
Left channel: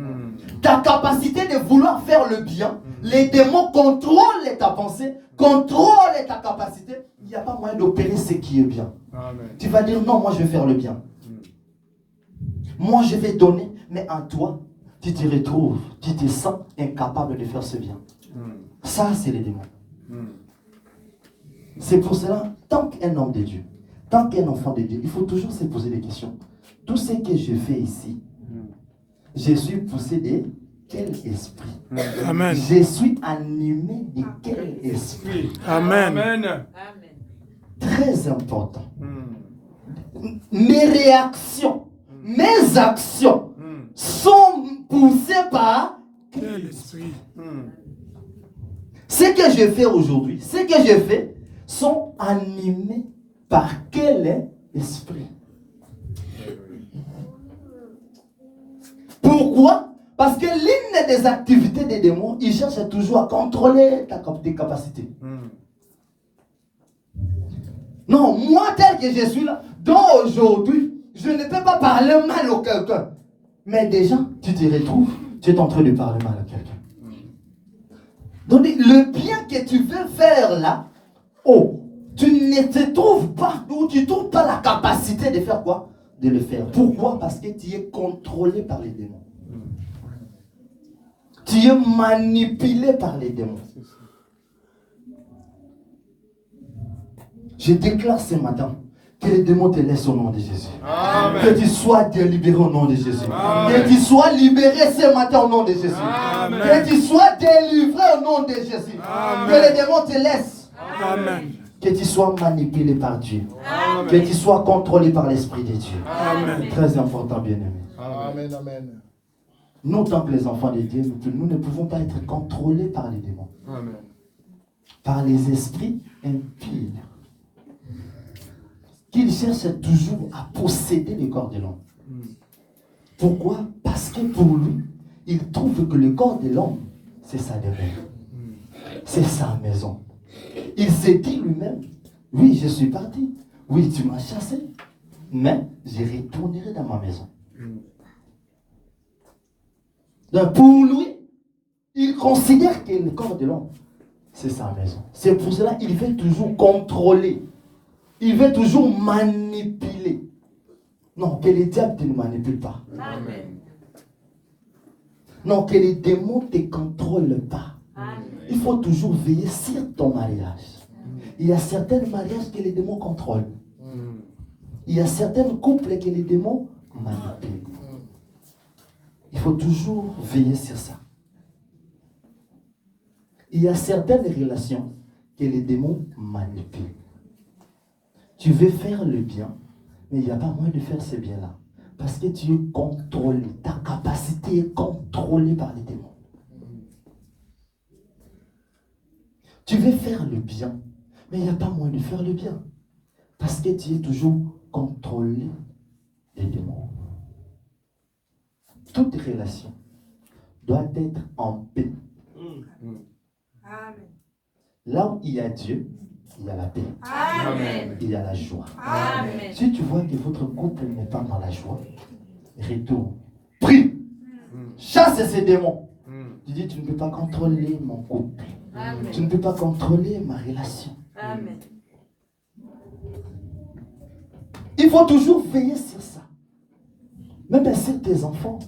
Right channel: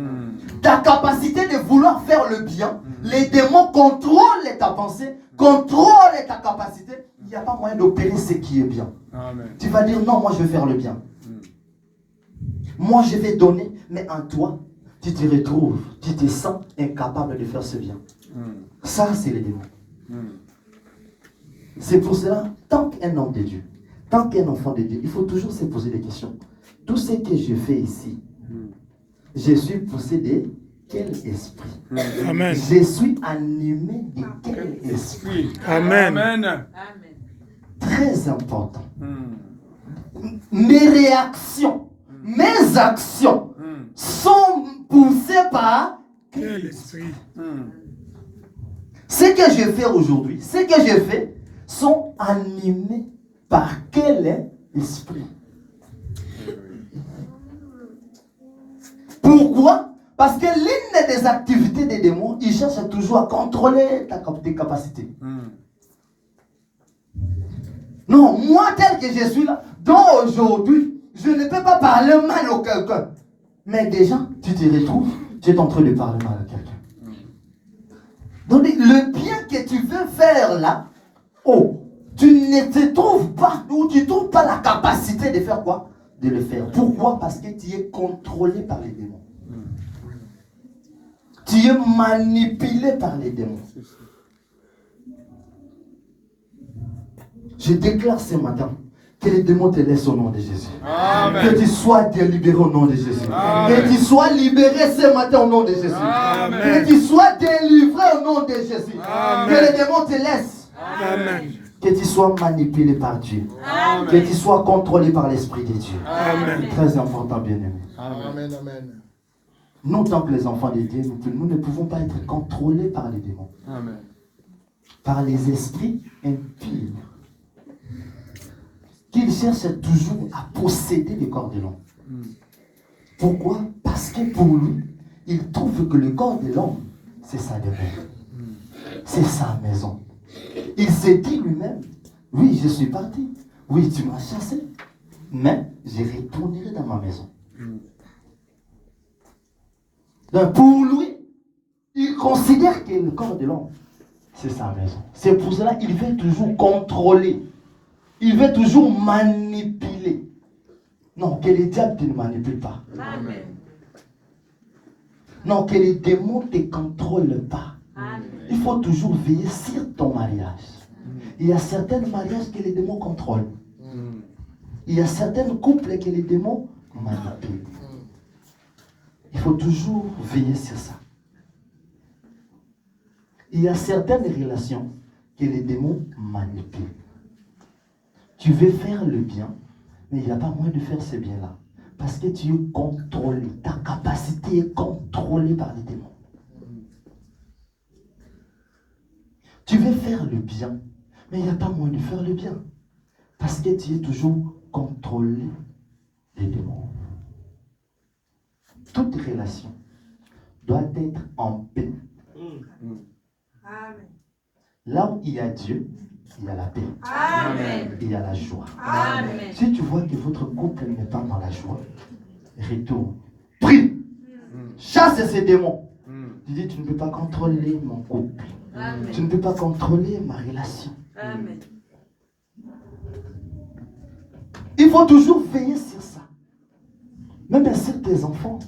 Ta capacité de vouloir faire le bien. Les démons contrôlent ta pensée, contrôlent ta capacité. Il n'y a pas moyen d'opérer ce qui est bien. Amen. Tu vas dire non, moi je vais faire le bien. Moi je vais donner, mais en toi, tu te retrouves, tu te sens incapable de faire ce bien. Ça, c'est les démons. C'est pour cela, tant qu'un homme de Dieu, tant qu'un enfant de Dieu, il faut toujours se poser des questions. Tout ce que je fais ici, je suis poussé de quel esprit? Amen. Je suis animé de quel esprit? Amen. Amen. Très important. Mes réactions, mes actions sont poussées par Quel esprit? ce que je fais aujourd'hui, ce que je fais sont animés par quel esprit? Pourquoi? Parce que l'une des activités des démons, ils cherchent toujours à contrôler tes capacités. Non, moi tel que je suis là, donc aujourd'hui, je ne peux pas parler mal à quelqu'un. Mais déjà, tu te retrouves, tu es en train de parler mal à quelqu'un. Donc le bien que tu veux faire là, tu ne te trouves pas, ou tu ne trouves pas la capacité de faire quoi? De le faire. Pourquoi? Parce que tu es contrôlé par les démons. Tu es manipulé par les démons. Je déclare ce matin que les démons te laissent au nom de Jésus. Amen. Que tu sois libéré au nom de Jésus. Amen. Que tu sois libéré ce matin au nom de Jésus. Amen. Que tu sois délivré au nom de Jésus. Amen. Que les démons te laissent. Amen. Que tu sois manipulé par Dieu. Amen. Que tu sois contrôlé par l'Esprit de Dieu. Amen. Très important, bien-aimé. Amen, amen. Nous, tant que les enfants de Dieu, nous ne pouvons pas être contrôlés par les démons. Amen. Par les esprits impurs. Qu'ils cherchent toujours à posséder le corps de l'homme. Pourquoi? Parce Parce que pour lui, il trouve que le corps de l'homme, c'est sa demeure. C'est sa maison. Il s'est dit lui-même, oui, je suis parti. Oui, tu m'as chassé. Mais je retournerai dans ma maison. Donc pour lui, il considère que le corps de l'homme, c'est sa maison. C'est pour cela qu'il veut toujours contrôler. Il veut toujours manipuler. Non, que les diables ne manipulent pas. Amen. Non, que les démons ne te contrôlent pas. Amen. Il faut toujours veiller sur ton mariage. Il y a certains mariages que les démons contrôlent. Il y a certains couples que les démons manipulent. Il faut toujours veiller sur ça. Il y a certaines relations que les démons manipulent. Tu veux faire le bien, mais il n'y a pas moyen de faire ce bien-là. Parce que tu es contrôlé. Ta capacité est contrôlée par les démons. Tu veux faire le bien, mais il n'y a pas moyen de faire le bien. Parce que tu es toujours contrôlé des démons. Toute relation doit être en paix. Amen. Là où il y a Dieu, il y a la paix. Amen. Il y a la joie. Amen. Si tu vois que votre couple n'est pas dans la joie, retourne. Prie. Chasse ces démons. Tu dis, tu ne peux pas contrôler mon couple. Amen. Tu ne peux pas contrôler ma relation. Amen. Il faut toujours veiller sur ça. Même sur tes enfants.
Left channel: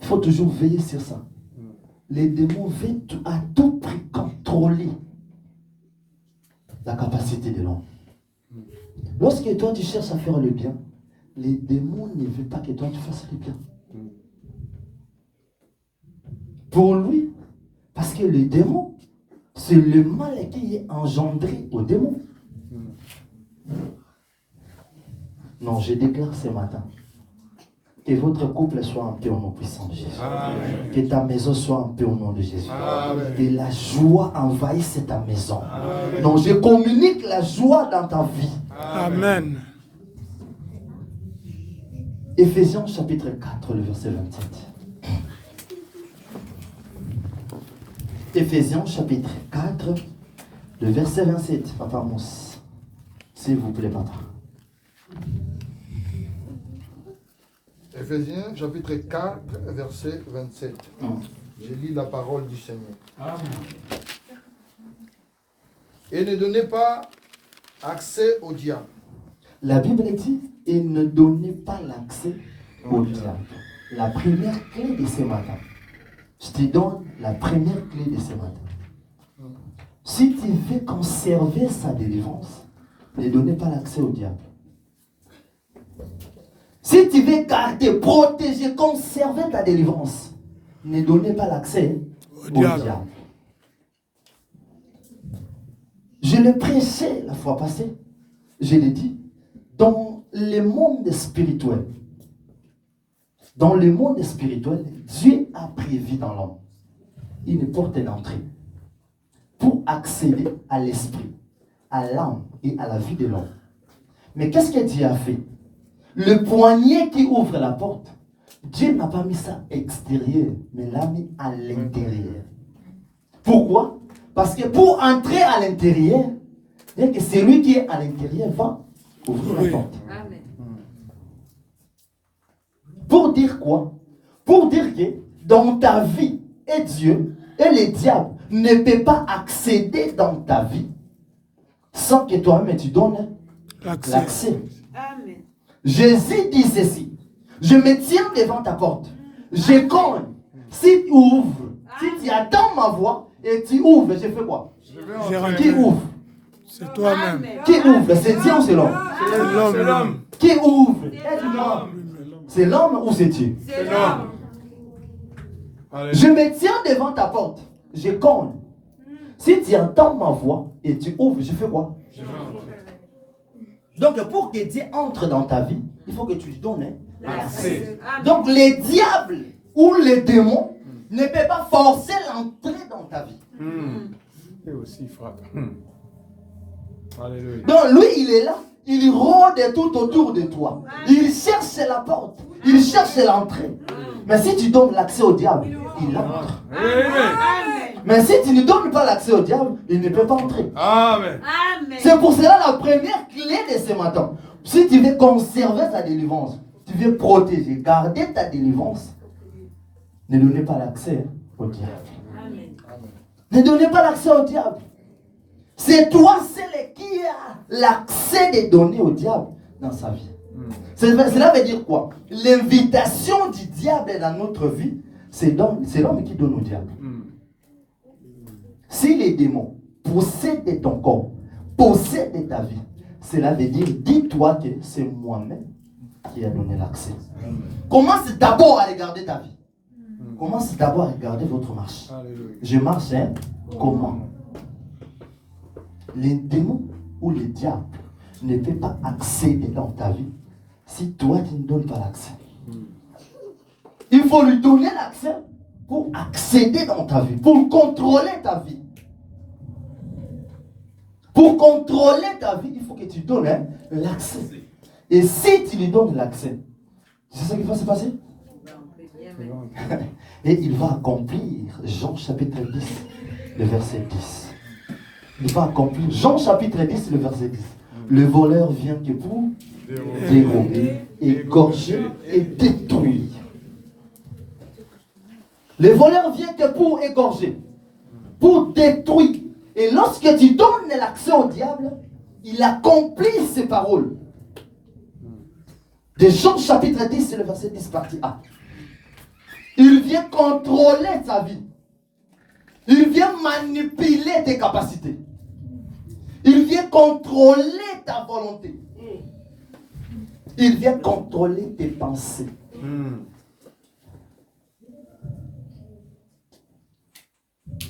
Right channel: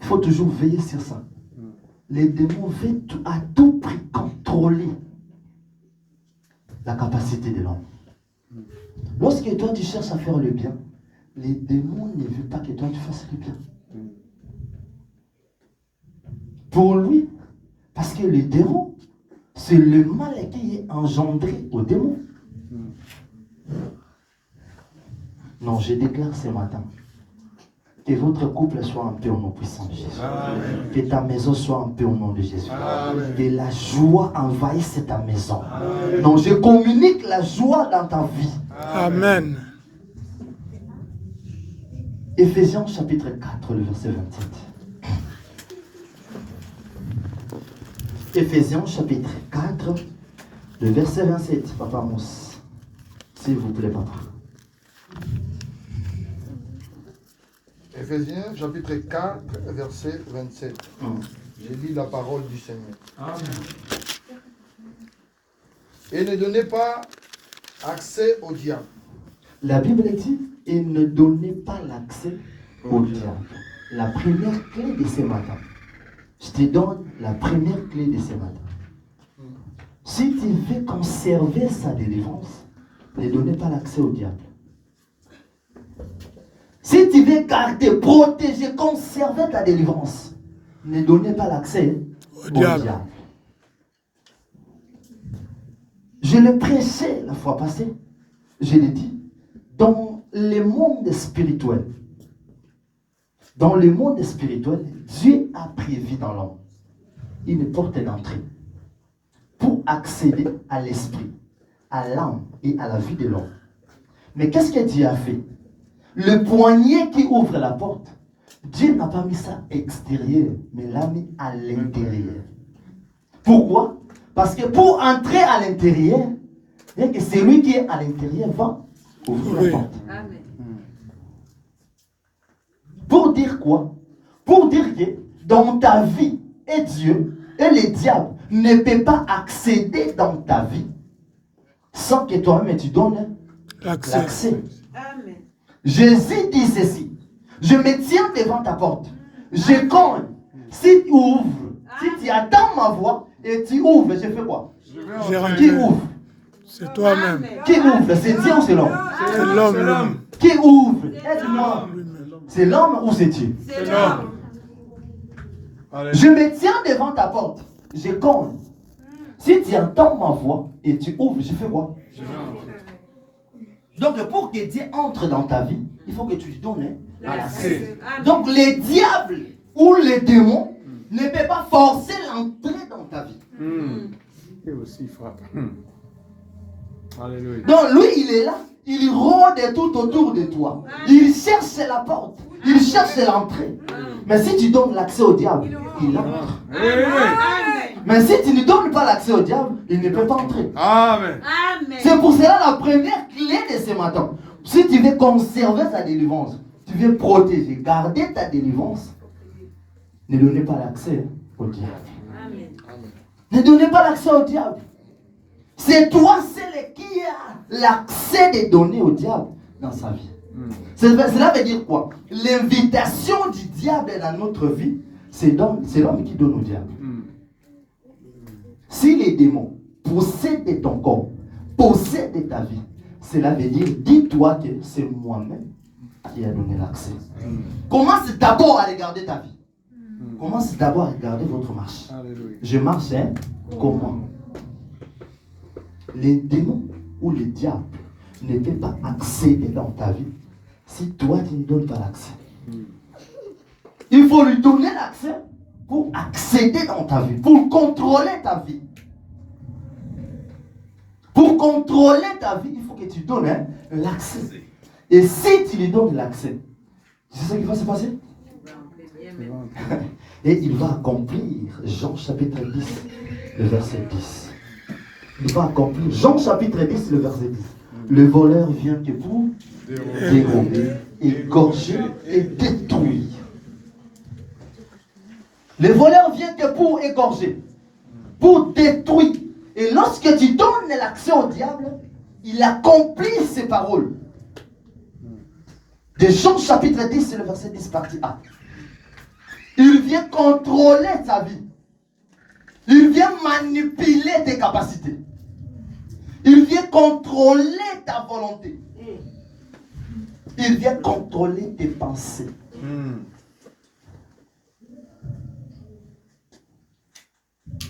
Il faut toujours veiller sur ça. Les démons veulent à tout prix contrôler la capacité de l'homme. Lorsque toi tu cherches à faire le bien, les démons ne veulent pas que toi tu fasses le bien. Pour lui, parce que le démon, c'est le mal qui est engendré au démon. Non, je déclare ce matin que votre couple soit en paix au nom puissant de Jésus. Amen. Que ta maison soit en paix au nom de Jésus. Amen. Que la joie envahisse ta maison. Amen. Donc je communique la joie dans ta vie. Amen. Éphésiens chapitre 4, le verset 27. Éphésiens chapitre 4, le verset 27. Papa Mousse, s'il vous plaît, papa. Éphésiens chapitre 4, verset 27. Je lis la parole du Seigneur. Et ne donnez pas accès au diable. La Bible dit, et ne donnez pas l'accès au diable. La première clé de ce matin. Je te donne la première clé de ce matin. Si tu veux conserver sa délivrance, ne donnez pas l'accès au diable. Si tu veux garder, protéger, conserver ta délivrance, ne donnez pas l'accès au diable. Je l'ai prêché la fois passée. Je l'ai dit. Dans le monde spirituel, Dieu a prévu dans l'homme une porte d'entrée pour accéder à l'esprit, à l'âme et à la vie de l'homme. Mais qu'est-ce que Dieu a fait? Le poignet qui ouvre la porte, Dieu n'a pas mis ça extérieur, mais l'a mis à l'intérieur. Pourquoi? Parce que pour entrer à l'intérieur, bien que celui qui est à l'intérieur va ouvrir la porte. Amen. Pour dire quoi? Pour dire que dans ta vie, et Dieu et le diable ne peut pas accéder dans ta vie sans que toi-même tu donnes l'accès. Amen. Jésus dit ceci: je me tiens devant ta porte, je cogne. Si tu ouvres, si tu attends ma voix et tu ouvres, je fais quoi? Qui ouvre? C'est toi-même. Qui ouvre? C'est Dieu ou c'est l'homme? C'est l'homme. Qui ouvre? C'est l'homme ou c'est Dieu? C'est l'homme. Je me tiens devant ta porte, je cogne. Si tu entends ma voix et tu ouvres, je fais quoi? Donc pour que Dieu entre dans ta vie, il faut que tu lui donnes l'accès. Donc les diables ou les démons ne peuvent pas forcer l'entrée dans ta vie. Et aussi frappe. Alléluia. Donc lui, il est là, il rôde tout autour de toi. Il cherche la porte Il cherche l'entrée. Mais si tu donnes l'accès au diable, il entre. Mais si tu ne donnes pas l'accès au diable, il ne peut pas entrer. Amen. C'est pour cela la première clé de ce matin. Si tu veux conserver ta délivrance, tu veux protéger, garder ta délivrance, ne donnez pas l'accès au diable. Ne donnez pas l'accès au diable. C'est toi, c'est qui a l'accès de donner au diable dans sa vie. Cela veut dire quoi? L'invitation du diable dans notre vie, c'est l'homme qui donne au diable. Si les démons possèdent ton corps, possèdent ta vie, cela veut dire, dis-toi que c'est moi-même qui a donné l'accès. Commence d'abord à regarder ta vie. Commence d'abord à regarder votre marche. Alléluia. Je marche, comment? Les démons ou les diables ne peuvent pas accéder dans ta vie si toi tu ne donnes pas l'accès. Il faut lui donner l'accès pour accéder dans ta vie, pour contrôler ta vie. Pour contrôler ta vie, il faut que tu donnes l'accès. Et si tu lui donnes l'accès, tu sais ce qui va se passer? Et il va accomplir Jean chapitre 10, le verset 10. Il va accomplir Jean chapitre 10, le verset 10. Le voleur vient que pour dérober, égorger et détruire. Le voleur vient que pour égorger, pour détruire. Et lorsque tu donnes l'accès au diable, il accomplit ses paroles. De Jean chapitre 10, c'est le verset 10, partie A. Il vient contrôler ta vie. Il vient manipuler tes capacités. Il vient contrôler ta volonté. Il vient contrôler tes pensées.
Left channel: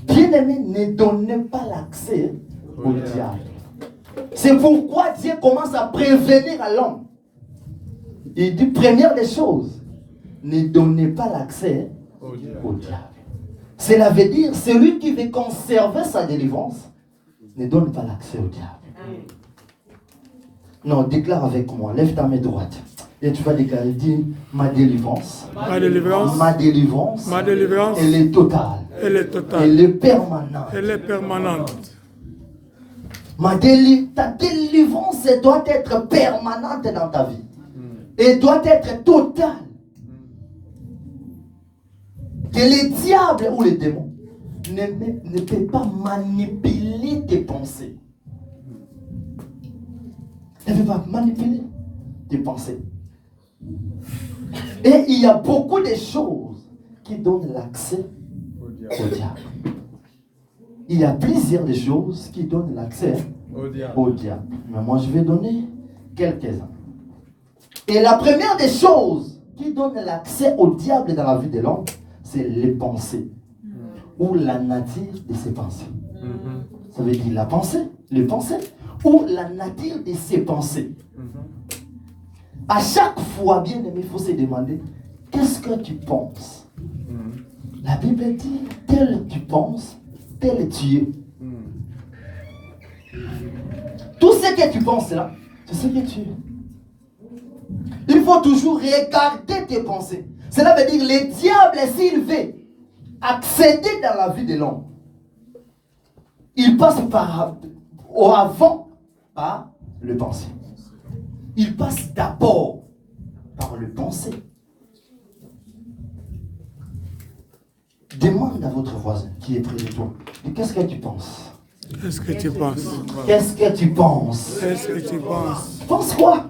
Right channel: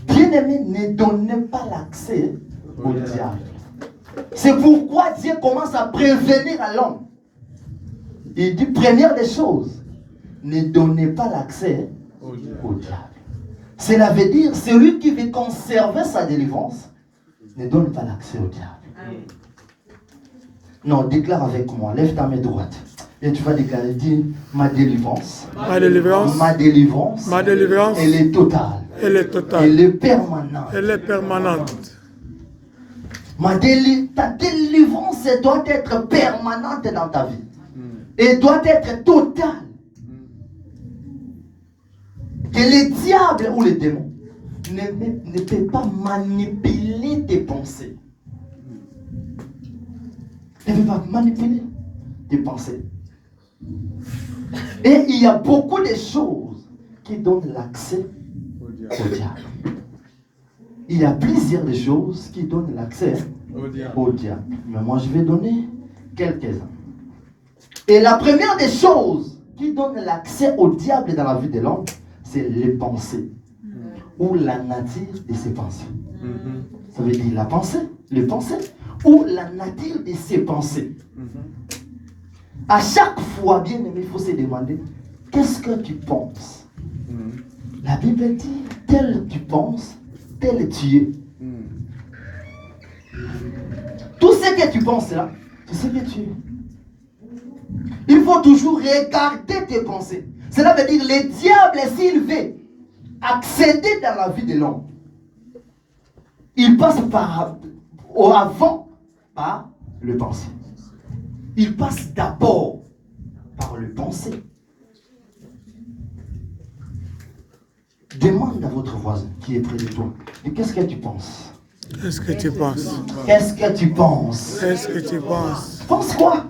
Bien-aimé, ne donnez pas l'accès au diable. C'est pourquoi Dieu commence à prévenir à l'homme. Il dit, première des choses, ne donnez pas l'accès au diable. Cela veut dire, celui qui veut conserver sa délivrance, ne donne pas l'accès au diable. Non, déclare avec moi, lève ta main droite. Et tu vas déclarer, dis, ma délivrance. Ma délivrance. Ma délivrance. Ma délivrance. Elle est totale. Elle est totale. Elle est permanente. Elle est permanente. Ta délivrance doit être permanente dans ta vie. Et doit être totale. Que les diables ou les démons ne peuvent pas manipuler tes pensées. Ne peuvent pas manipuler tes pensées. Et il y a beaucoup de choses qui donnent l'accès au diable. Il y a plusieurs choses qui donnent l'accès au diable. Mais moi, je vais donner quelques-uns. Et la première des choses qui donne l'accès au diable dans la vie de l'homme, c'est les pensées. Ou la nature de ses pensées. Ça veut dire la pensée, les pensées, ou la nature de ses pensées. À chaque fois, bien aimé, il faut se demander, qu'est-ce que tu penses? La Bible dit, tel tu penses, tel tu es. Tout ce que tu penses là, c'est ce que tu es. Il faut toujours regarder tes pensées. Cela veut dire, le diable, s'il veut accéder dans la vie de l'homme, il passe par le pensée. Il passe d'abord par le pensée. Demande à votre voisin qui est près de toi, qu'est-ce que tu penses? Qu'est-ce que tu penses? Qu'est-ce que tu penses? Qu'est-ce que tu penses? Pense quoi?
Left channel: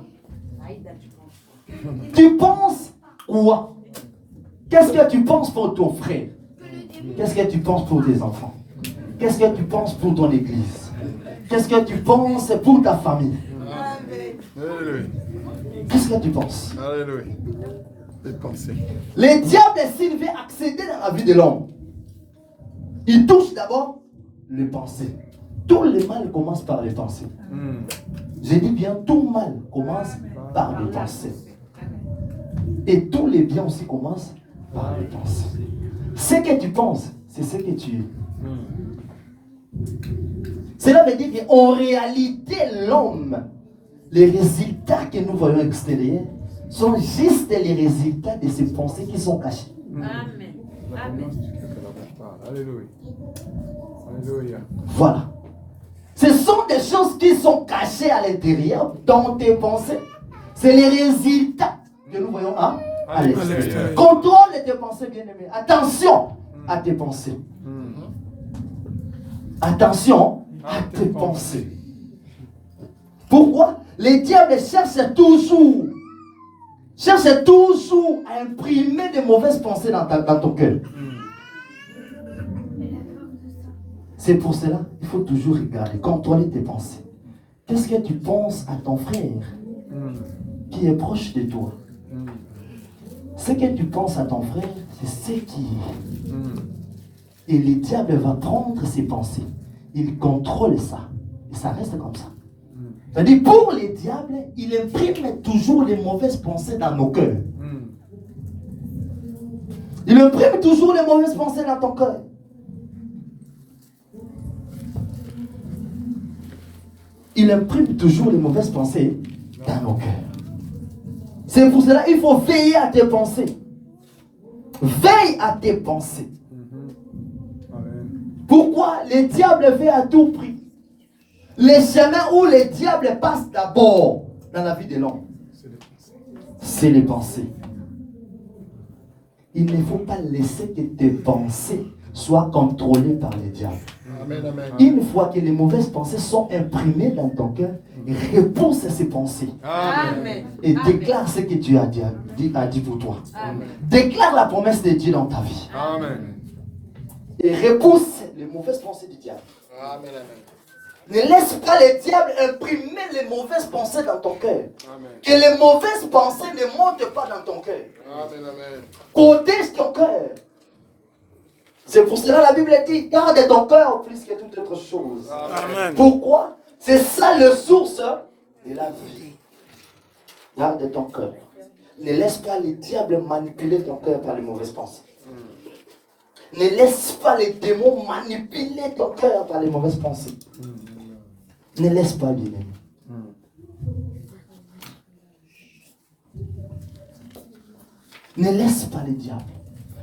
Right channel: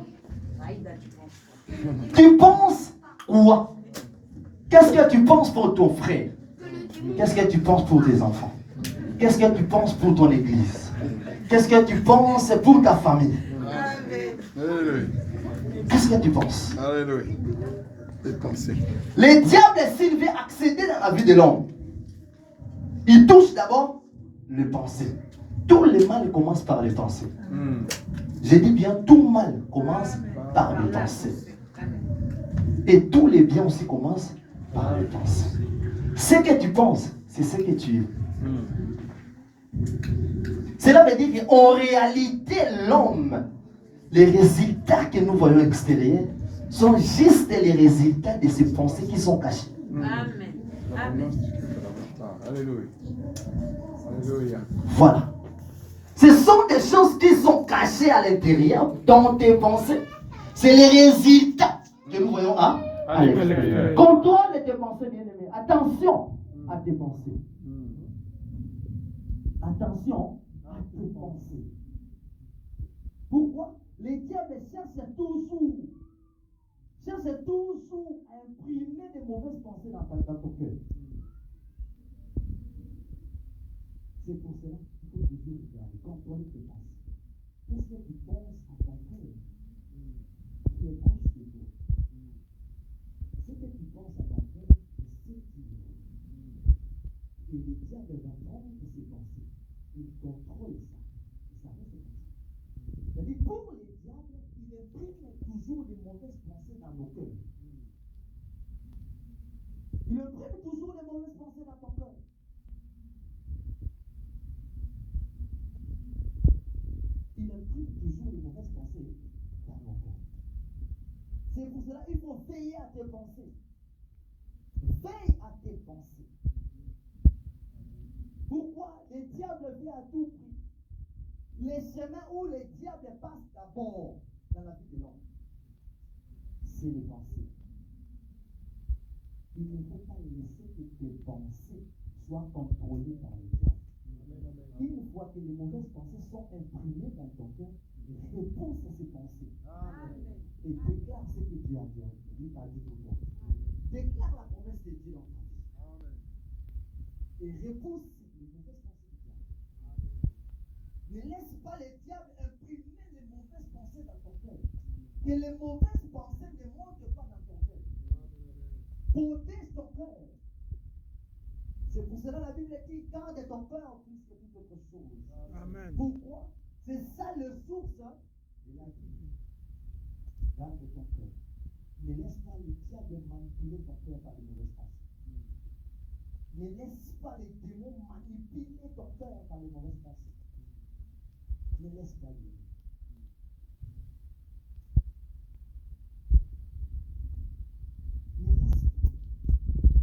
Tu penses quoi? Qu'est-ce que tu penses pour ton frère? Qu'est-ce que tu penses pour tes enfants? Qu'est-ce que tu penses pour ton église? Qu'est-ce que tu penses pour ta famille? Alléluia. Qu'est-ce que tu penses? Alléluia. Les pensées. Les diables, s'il veut accéder dans la vie de l'homme, il touche d'abord les pensées. Tout le mal commence par les pensées. Je dis bien, tout mal commence par les pensées. Et tous les biens aussi commencent par les pensées. Ce que tu penses, c'est ce que tu es. Cela veut dire qu'en réalité, l'homme, les résultats que nous voyons extérieurs sont juste les résultats de ces pensées qui sont cachées. Amen. La Amen. promesse que tu as. Alléluia. Alléluia. Voilà. Ce sont des choses qui sont cachées à l'intérieur, dans tes pensées. C'est les résultats que nous voyons à l'extérieur. Contrôle tes pensées, bien-aimés. Attention à tes pensées. Attention à tes pensées. Pourquoi? Les diables cherchent toujours à imprimer de mauvaises pensées dans ton cœur. C'est pour cela qu'il faut toujours regarder, contrôler tes pensées. Qu'est-ce que tu penses à ton frère qui est proche de toi? Ce que tu penses à ton frère, c'est ce qui est. Et le diable va prendre ses pensées. Il contrôle ça. Et ça reste comme ça. C'est-à-dire, pour les diables, il imprime toujours les mauvaises pensées dans nos cœurs. Il imprime toujours les mauvaises pensées dans ton cœur. Il imprime toujours les mauvaises pensées dans nos cœurs. C'est pour cela qu'il faut veiller à tes pensées. Veille à tes pensées. Pourquoi le diable veut à tout prix? Les chemins où les diables passent d'abord dans la vie de l'homme, c'est les pensées. Il ne faut pas laisser que tes pensées soient contrôlées par les diables. Amen, amen. Une fois que les mauvaises pensées sont imprimées dans ton cœur, repousse ces pensées. Amen. Et déclare ce que Dieu a dit pour toi. Amen. Déclare la promesse de Dieu dans ta vie. Amen. Et repousse les mauvaises pensées du diable. Amen, amen. Ne laisse pas les diables imprimer les mauvaises pensées dans ton cœur. Amen. Que les mauvaises pensées ne montent pas dans ton cœur. Amen, amen. Protège ton cœur. C'est pour cela la Bible dit, garde ton cœur plus que toute autre chose. Amen. Pourquoi? C'est ça le source de la vie. Garde ton cœur. Ne laisse pas les diables manipuler ton cœur par les mauvaises pensées. Ne laisse pas les démons manipuler ton cœur par les mauvaises pensées. Ne laisse pas les démons. Ne laisse pas les diables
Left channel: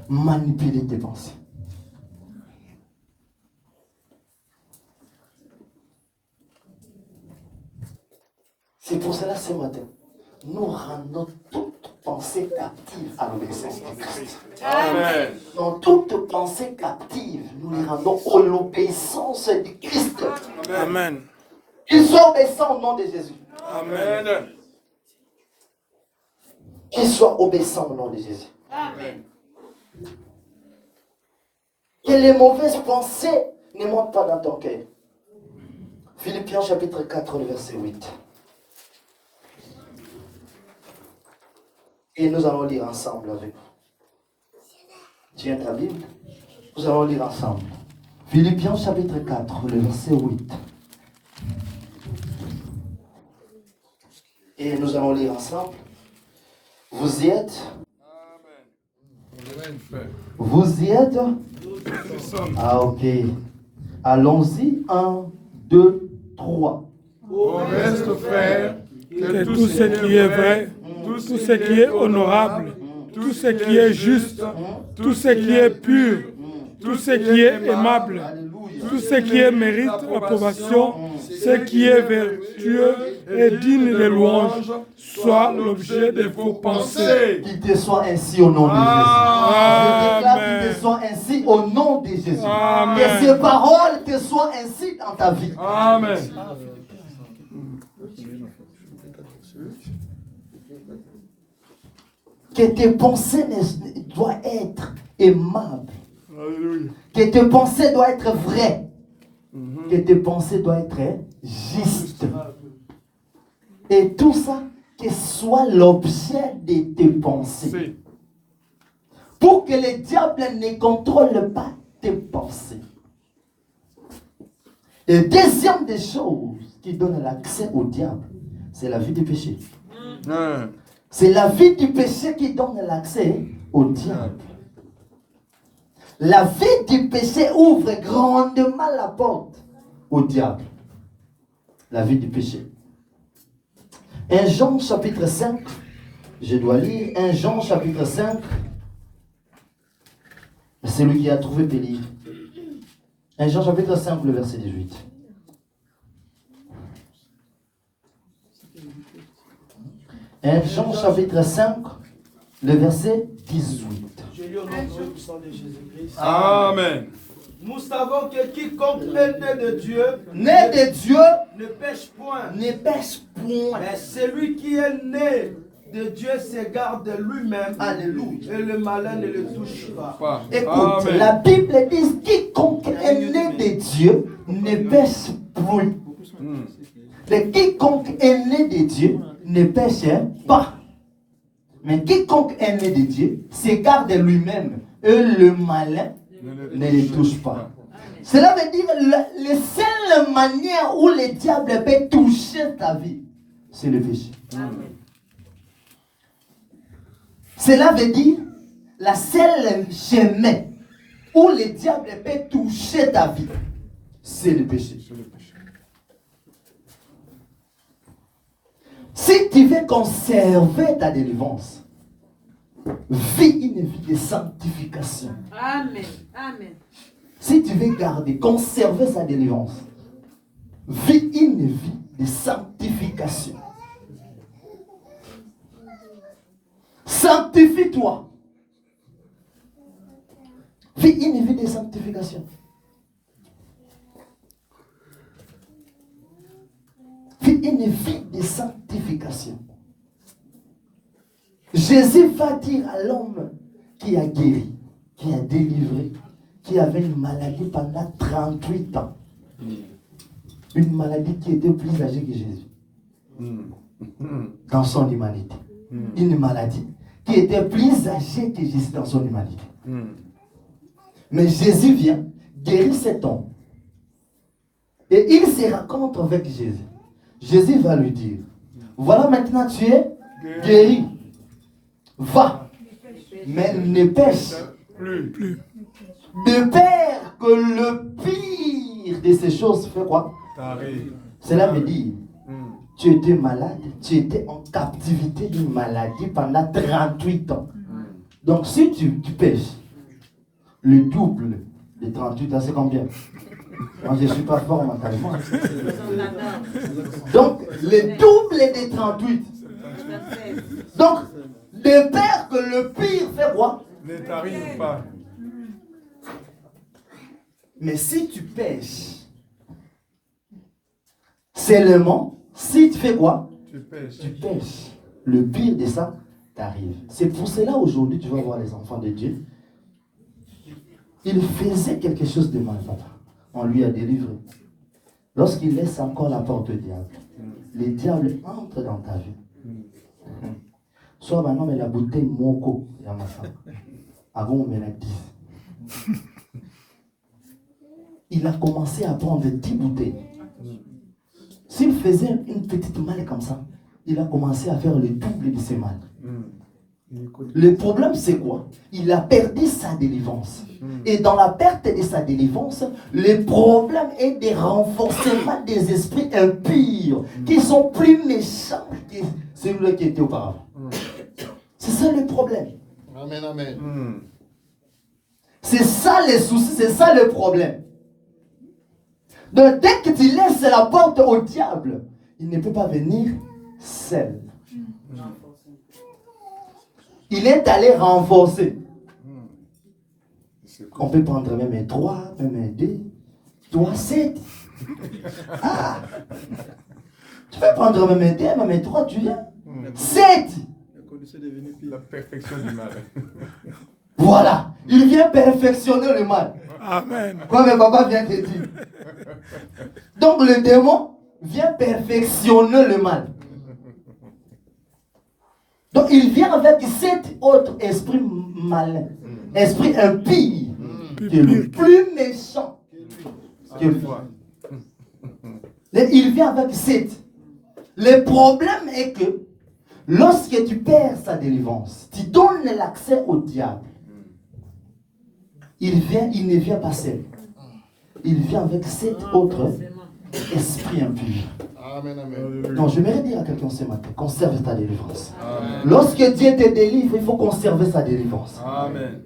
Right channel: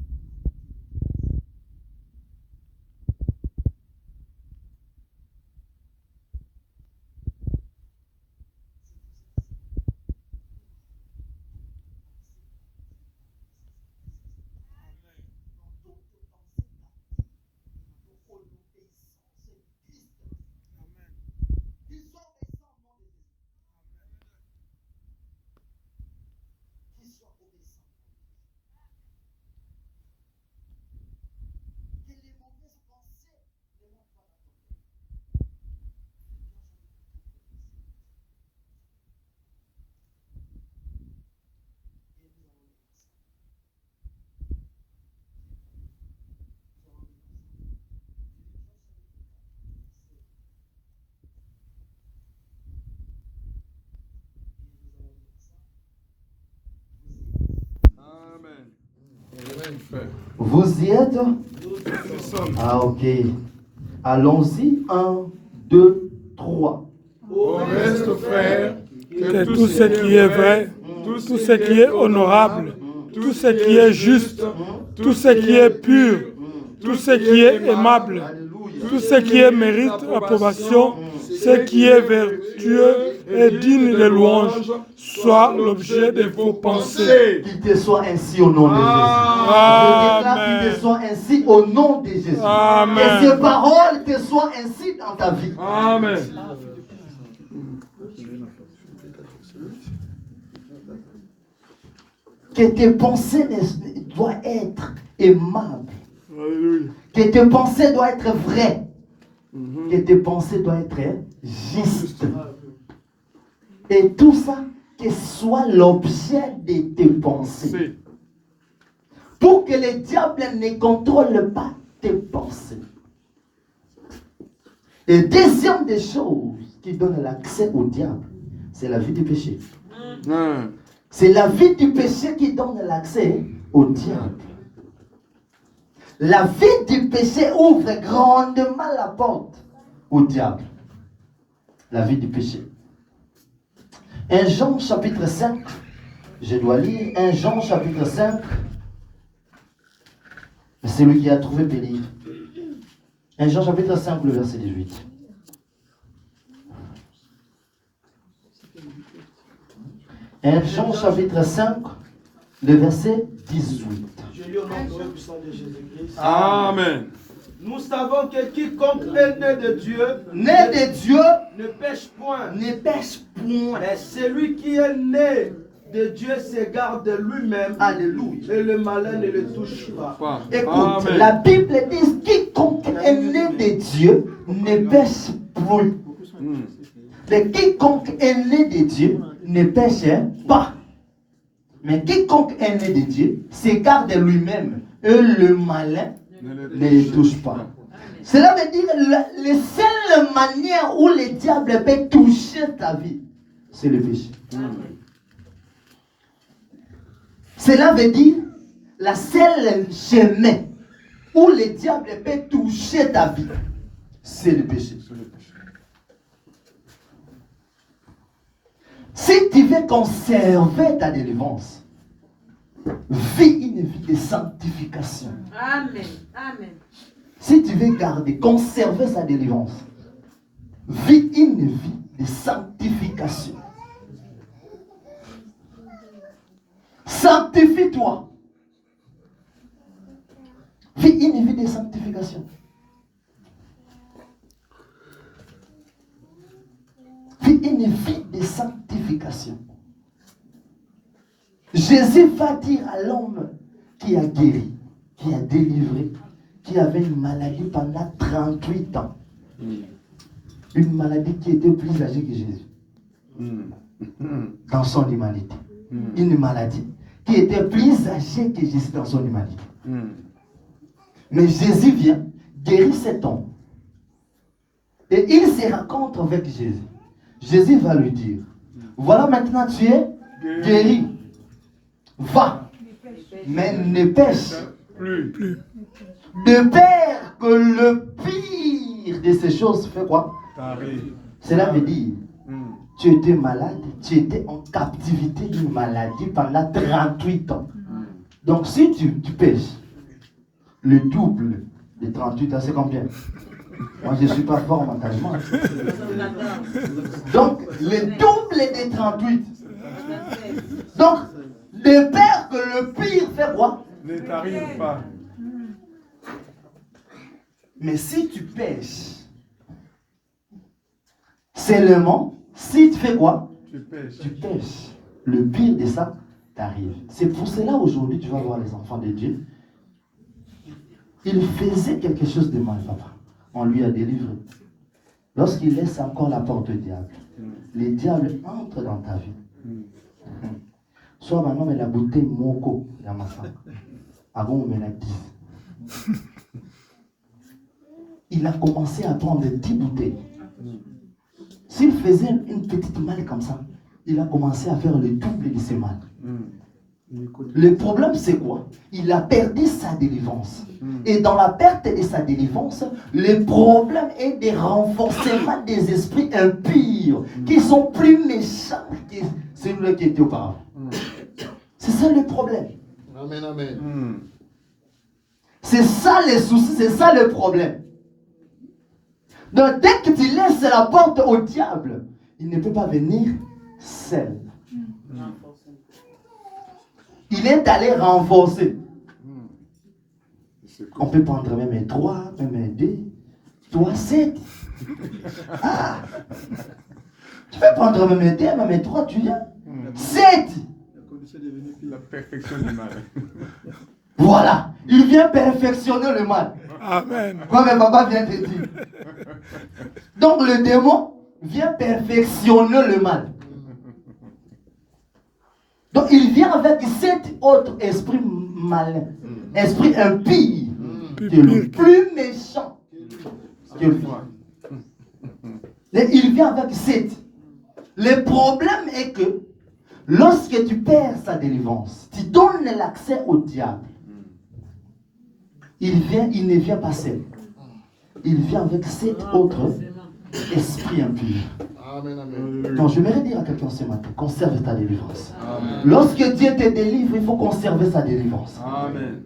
manipuler tes pensées. C'est pour cela ce matin, nous rendons toute pensée captive à l'obéissance de Christ. Amen. Dans toute pensée captive, nous les rendons à l'obéissance de Christ. Amen. Qu'ils soient obéissants au nom de Jésus. Amen. Qu'ils soient obéissants au nom de Jésus. Amen. Que les mauvaises pensées ne montent pas dans ton cœur. Philippiens chapitre 4, le verset 8. Et nous allons lire ensemble avec vous. Tiens ta Bible. Nous allons lire ensemble. Philippiens chapitre 4, le verset 8. Et nous allons lire ensemble. Vous y êtes? Amen. Frère. Vous y êtes? Nous sommes. Ah, ok. Allons-y. 1, 2, 3. Au reste, frère, Que tout ce qui est vrai, tout ce qui est honorable, tout ce qui est juste, tout ce qui est pur, tout ce qui est aimable, tout ce qui est mérite approbation, ce qui est vertueux et digne de louange, soit l'objet de vos pensées. Qu'il te soit ainsi au nom de Jésus. Je déclare qu'il te soit ainsi au nom de Jésus. Amen. Que ces paroles te soient ainsi dans ta vie. Amen. Que tes pensées doivent être aimables. Alléluia. Que tes pensées doivent être vraies. Que tes pensées doivent être justes. Et tout ça, que soit l'objet de tes pensées. Pour que le diable ne contrôle pas tes pensées. Et deuxième des choses qui donne l'accès au diable, c'est la vie du péché. C'est la vie du péché qui donne l'accès au diable. La vie du péché ouvre grandement la porte au diable. La vie du péché. 1 Jean chapitre 5, Je dois lire 1 Jean chapitre 5. C'est lui qui a trouvé peut lire. 1 Jean chapitre 5, le verset 18. Jean chapitre 5, le verset 18. Je lis au nom de puissant de Jésus-Christ. Amen. Nous savons que quiconque est né de Dieu Né de Dieu ne pêche point. ne pêche point. Mais celui qui est né de Dieu s'égare de lui-même. Alléluia. Et le malin ne le touche pas. Pas. Écoute, Amen. la Bible dit quiconque est né de Dieu ne pêche point. Hmm. Mais quiconque est né de Dieu ne pêche pas. Mais quiconque est né de Dieu s'égare de lui-même. Et le malin ne les touche pas. Cela veut dire la seule manière où le diable peut toucher ta vie, c'est le péché. Cela veut dire la seule chemin où le diable peut toucher ta vie, c'est le péché. Si tu veux conserver ta délivrance, vis une vie de sanctification. Amen. Amen. Si tu veux garder, conserver sa délivrance, vis une vie de sanctification. Sanctifie-toi. Vis une vie de sanctification. Vis une vie de sanctification. Jésus va dire à l'homme qui a guéri, qui a délivré, qui avait une maladie pendant 38 ans. Une maladie qui était plus âgée que Jésus. Dans son humanité. Une maladie qui était plus âgée que Jésus dans son humanité. Mais Jésus vient guérir cet homme. Et il se rencontre avec Jésus. Jésus va lui dire, voilà maintenant tu es guéri. Va, mais ne pêche Plus. de peur que le pire de ces choses fait quoi? T'arrives. Cela veut dire, tu étais malade, tu étais en captivité d'une maladie pendant 38 ans. Donc si tu pêches, le double de 38 ans, c'est combien? Moi je ne suis pas fort mentalement. Donc le double de 38. Donc, de peur que le pire fait quoi? Ne t'arrive pas. Mais si tu pêches, seulement, si tu fais quoi? Tu pêches. Tu pêches. Le pire de ça t'arrive. C'est pour cela aujourd'hui, tu vas voir les enfants de Dieu. Il faisait quelque chose de mal, papa. On lui a délivré. Lorsqu'il laisse encore la porte au diable, le diable entre dans ta vie. Soit maintenant, mais la bouteille moko, avant, on met la 10. Il a commencé à prendre 10 bouteilles. S'il faisait une petite malle comme ça, il a commencé à faire le double de ses malles. Le problème, c'est quoi? Il a perdu sa délivrance. Et dans la perte de sa délivrance, le problème est des renforcements des esprits impurs qui sont plus méchants que celui qui était auparavant. C'est ça le problème. Amen, amen. C'est ça les soucis, c'est ça le problème. Donc dès que tu laisses la porte au diable, il ne peut pas venir seul. Il est allé renforcer. On peut prendre même un 3, même un 2, 3, 7. Ah! Tu peux prendre même un 2, même un 3, tu viens. 7! La perfection du mal. Voilà, il vient perfectionner le mal. Amen. Comme papa vient de dire. Donc le démon vient perfectionner le mal. Donc il vient avec 7 autres esprits malins, esprits impies, qui est le plus méchant que lui. Et il vient avec 7. Le problème est que lorsque tu perds sa délivrance, tu donnes l'accès au diable. Il ne vient pas seul. Il vient avec 7 autres esprits impurs. Amen, amen. Non, j'aimerais dire à quelqu'un ce matin, conserve ta délivrance. Amen. Lorsque Dieu te délivre, il faut conserver sa délivrance. Amen.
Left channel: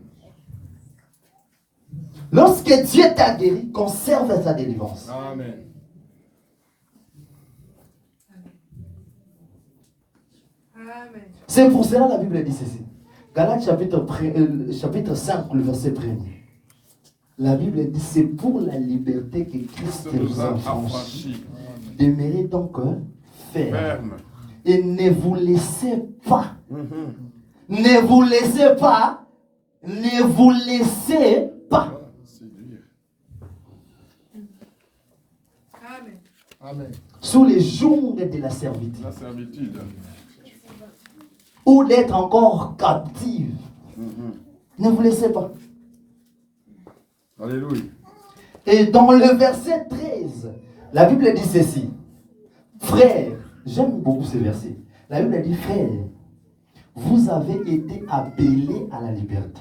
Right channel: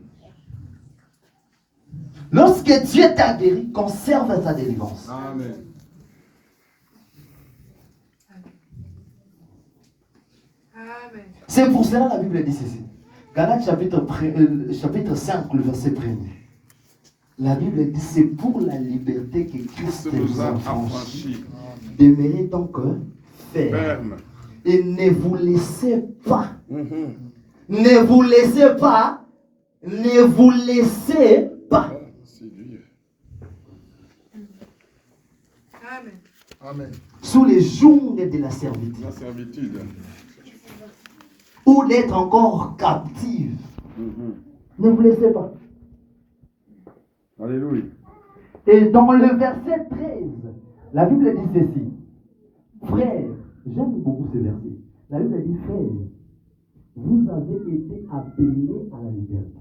Lorsque Dieu t'a guéri, conserve ta délivrance. Amen. Amen. C'est pour cela que la Bible dit ceci. Galates chapitre 5, le verset 1er. La Bible dit c'est pour la liberté que Christ nous a affranchis. Demeurez donc ferme. Et ne vous laissez pas. Ne vous laissez pas. Ne vous laissez pas. Amen. Amen. Sous les jours de la servitude. La servitude. Ou d'être encore captive. Ne vous laissez pas. Alléluia. Et dans le verset 13, la Bible dit ceci. Frères, j'aime beaucoup ce verset. La Bible dit, frères, vous avez été appelés à la liberté.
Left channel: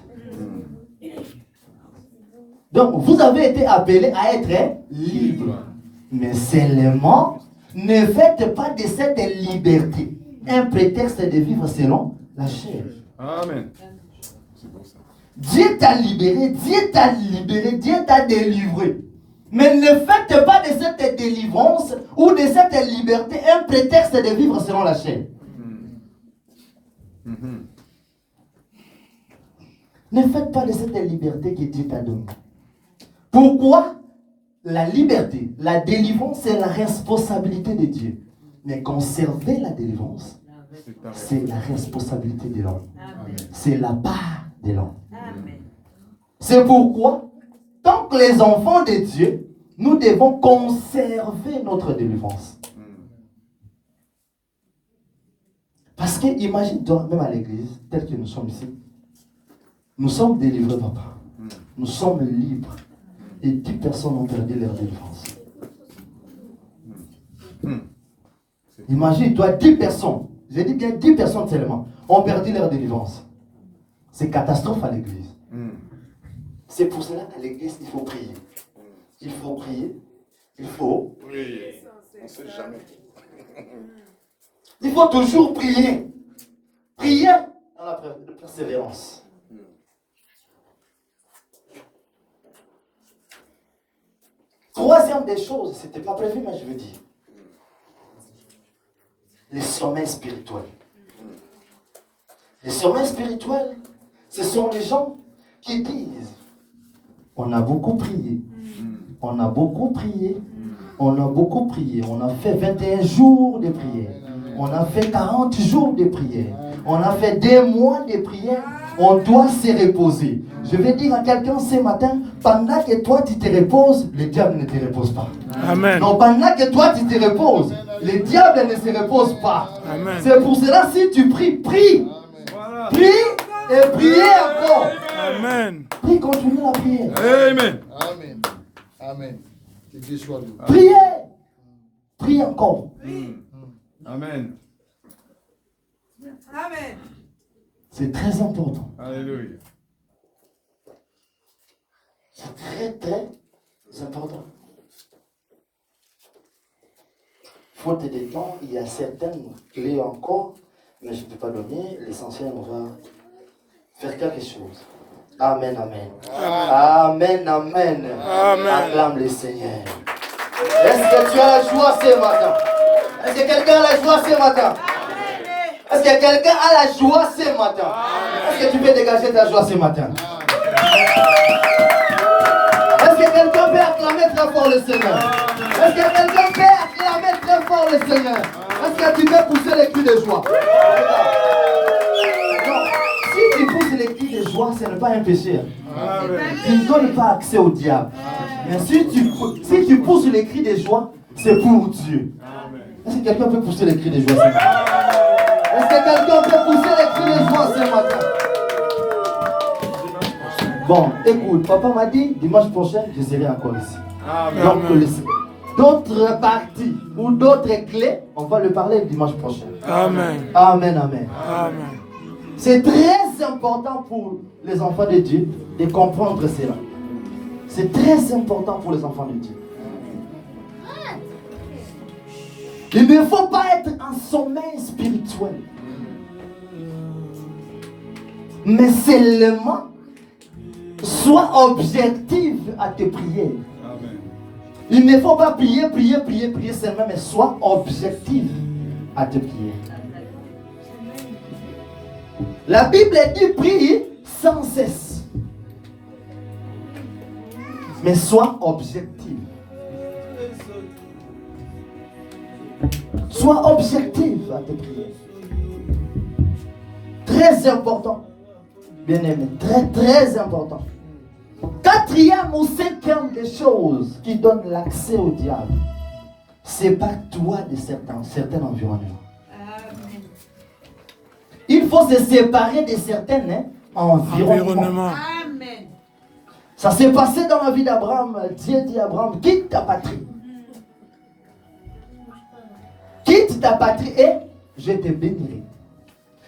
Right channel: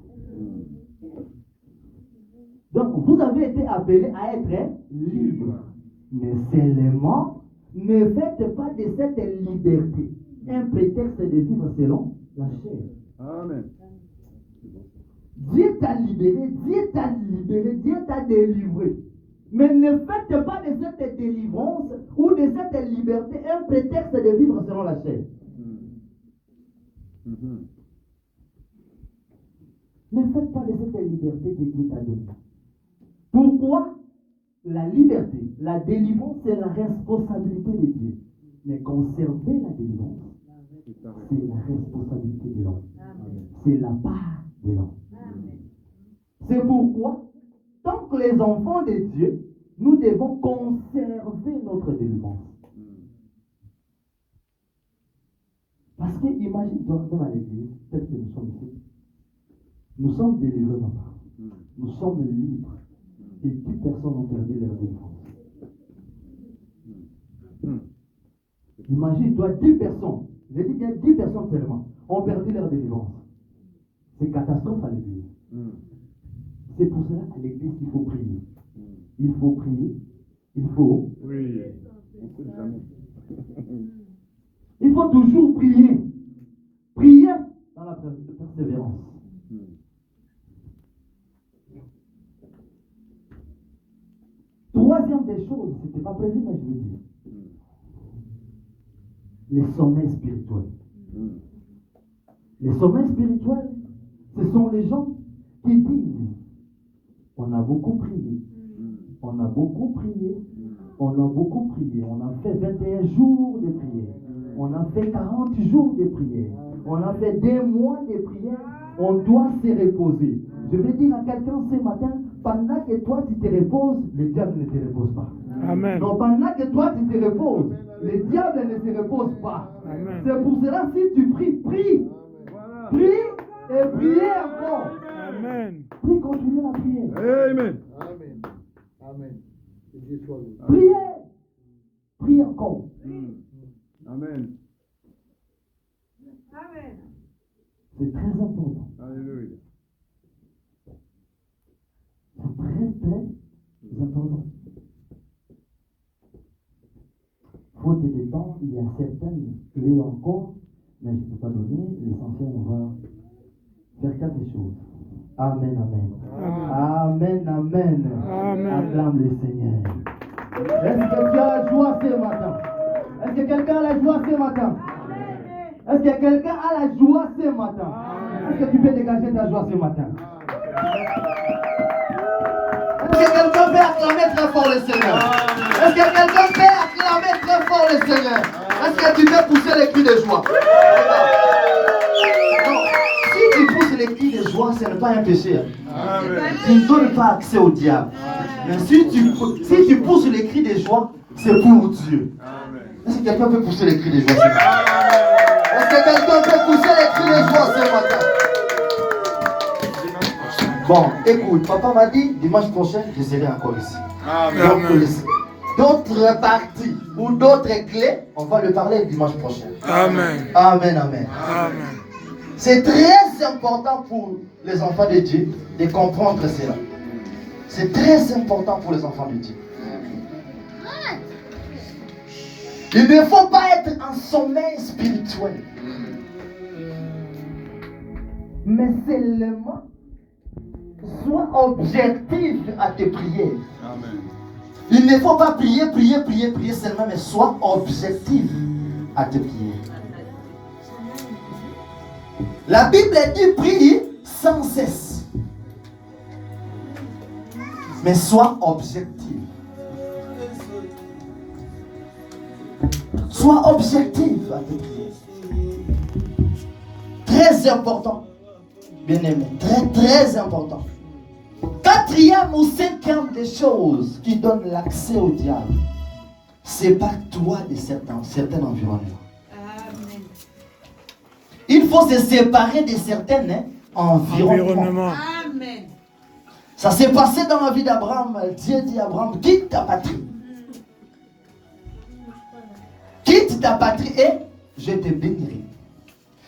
Donc, vous avez été appelés à être libres. Mais seulement, ne faites pas de cette liberté un prétexte de vivre selon la chair. Amen. C'est bon ça. Dieu t'a libéré, Dieu t'a libéré, Dieu t'a délivré. Mais ne faites pas de cette délivrance ou de cette liberté un prétexte de vivre selon la chair. Ne faites pas de cette liberté que Dieu t'a donnée. Pourquoi? La liberté, la délivrance, c'est la responsabilité de Dieu. Mais conserver la délivrance, c'est la responsabilité de l'homme. C'est la part de l'homme. C'est pourquoi, tant que les enfants de Dieu, nous devons conserver notre délivrance. Parce que imagine-toi, même à l'église, tel que nous sommes ici, nous sommes délivrés, papa. Nous sommes libres. Et 10 personnes ont perdu leur délivrance. Imagine-toi, 10 personnes, je dis bien 10 personnes seulement, ont perdu leur délivrance. C'est catastrophe à l'église. C'est pour cela qu'à l'église, il faut prier. Il faut prier. Il faut. Oui, on ne sait jamais. Il faut toujours prier. Prier dans la persévérance. Troisième des choses, ce n'était pas prévu, mais je veux dire. Les sommets spirituels. Les sommets spirituels, ce sont les gens qui disent, on a beaucoup prié, on a beaucoup prié, on a beaucoup prié, on a fait 21 jours de prière, on a fait 40 jours de prière, on a fait 2 mois de prière, on doit se reposer. Je vais dire à quelqu'un ce matin, pendant que toi tu te reposes, le diable ne te repose pas. Amen. Non, pendant que toi tu te reposes, le diable ne se repose pas. Amen. C'est pour cela, si tu pries, prie. Voilà. Prie et priez encore. Amen. Prie, continue la prière. Amen. Amen. Amen. Que Dieu soit loué. Priez. Prie encore. Amen. Amen. C'est très important. Alléluia. C'est très, très important. Faute de temps, il y a certaines clés encore, mais je ne peux pas donner. L'essentiel, on va faire quelque chose. Amen, amen. Amen, amen. Amen. Acclame le Seigneur. Est-ce que tu as la joie ce matin? Est-ce que quelqu'un a la joie ce matin? Est-ce que quelqu'un a la joie ce matin? Est-ce que tu peux dégager ta joie ce matin? Est-ce que quelqu'un peut acclamer très fort le Seigneur? Est-ce que quelqu'un peut acclamer très fort le Seigneur? Est-ce que tu peux pousser les cris de joie? Non, si tu pousses les cris de joie, ce n'est pas un péché. Tu ne donnes pas accès au diable. Mais si tu pousses les cris de joie, c'est pour Dieu. Est-ce que quelqu'un peut pousser les cris de joie ce matin? Est-ce que quelqu'un peut pousser les cris de joie ce matin? Bon, écoute, papa m'a dit, dimanche prochain, je serai encore ici. Donc, d'autres parties ou d'autres clés, on va le parler dimanche prochain. Amen. Amen, amen. Amen. C'est très important pour les enfants de Dieu de comprendre cela. C'est très important pour les enfants de Dieu. Il ne faut pas être en sommeil spirituel. Mais seulement sois objectif à tes prières. Amen. Il ne faut pas prier seulement, mais sois objectif à tes prières. La Bible dit prie sans cesse. Mais sois objectif. Sois objectif à tes prières. Très important. Bien-aimé, très important. Quatrième ou cinquième des choses qui donnent l'accès au diable, sépare-toi de certains environnements. Amen. Il faut se séparer de certains environnements. Amen. Ça s'est passé dans la vie d'Abraham. Dieu dit à Abraham, quitte ta patrie. Quitte ta patrie et je te bénirai.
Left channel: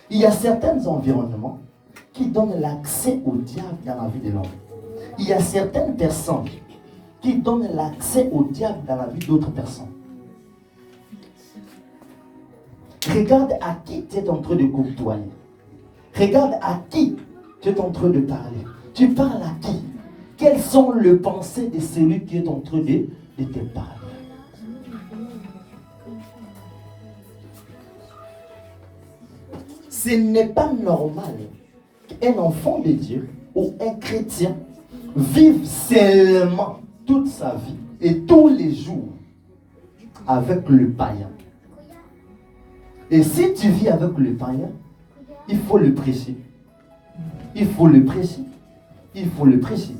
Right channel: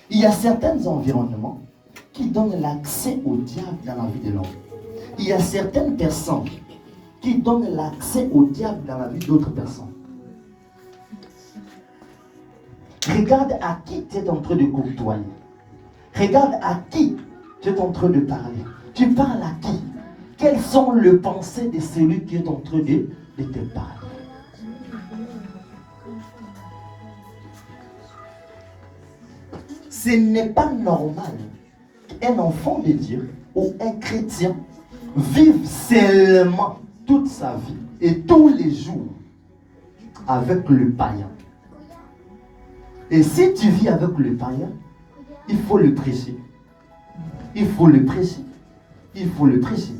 Il y a certains environnements qui donnent l'accès au diable dans la vie de l'homme. Il y a certaines personnes qui donnent l'accès au diable dans la vie d'autres personnes. Regarde à qui tu es en train de côtoyer. Regarde à qui tu es en train de parler. Tu parles à qui? Quelles sont les pensées de celui qui est en train de te parler? Ce n'est pas normal qu'un enfant de Dieu ou un chrétien vive seulement toute sa vie et tous les jours avec le païen. Et si tu vis avec le païen, il faut le prêcher. Il faut le prêcher. Il faut le prêcher.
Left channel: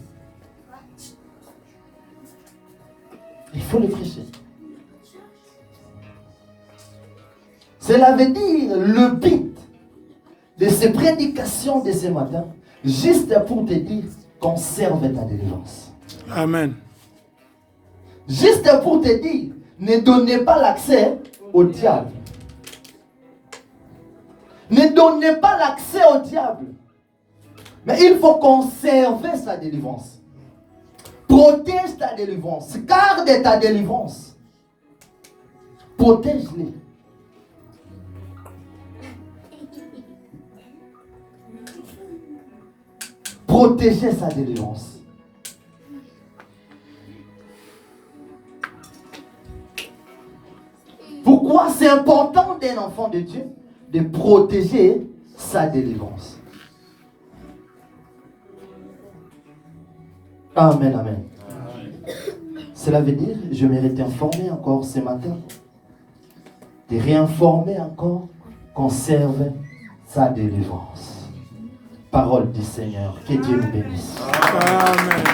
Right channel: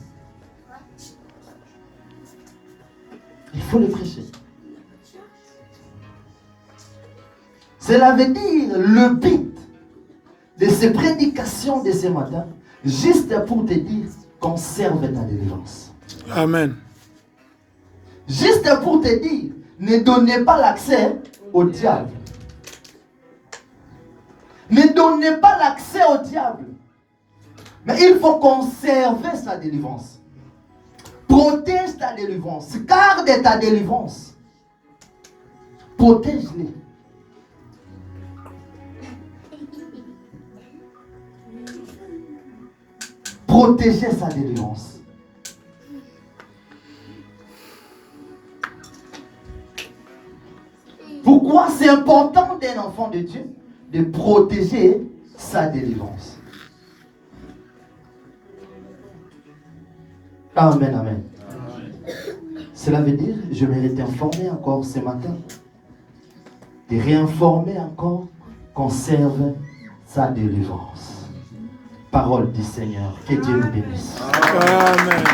Il faut le prêcher. Cela veut dire le but de ces prédications de ce matin, juste pour te dire, conserve ta délivrance. Amen. Juste pour te dire, ne donnez pas l'accès au diable. Ne donnez pas l'accès au diable. Mais il faut conserver sa délivrance. Protège ta délivrance. Garde ta délivrance. Protège-les. Protéger sa délivrance. Pourquoi c'est important d'un enfant de Dieu de protéger sa délivrance? Amen, amen. Cela veut dire, je mérite d'informer encore ce matin, de réinformer encore, conserve sa délivrance. Parole du Seigneur, que Dieu nous bénisse. Amen.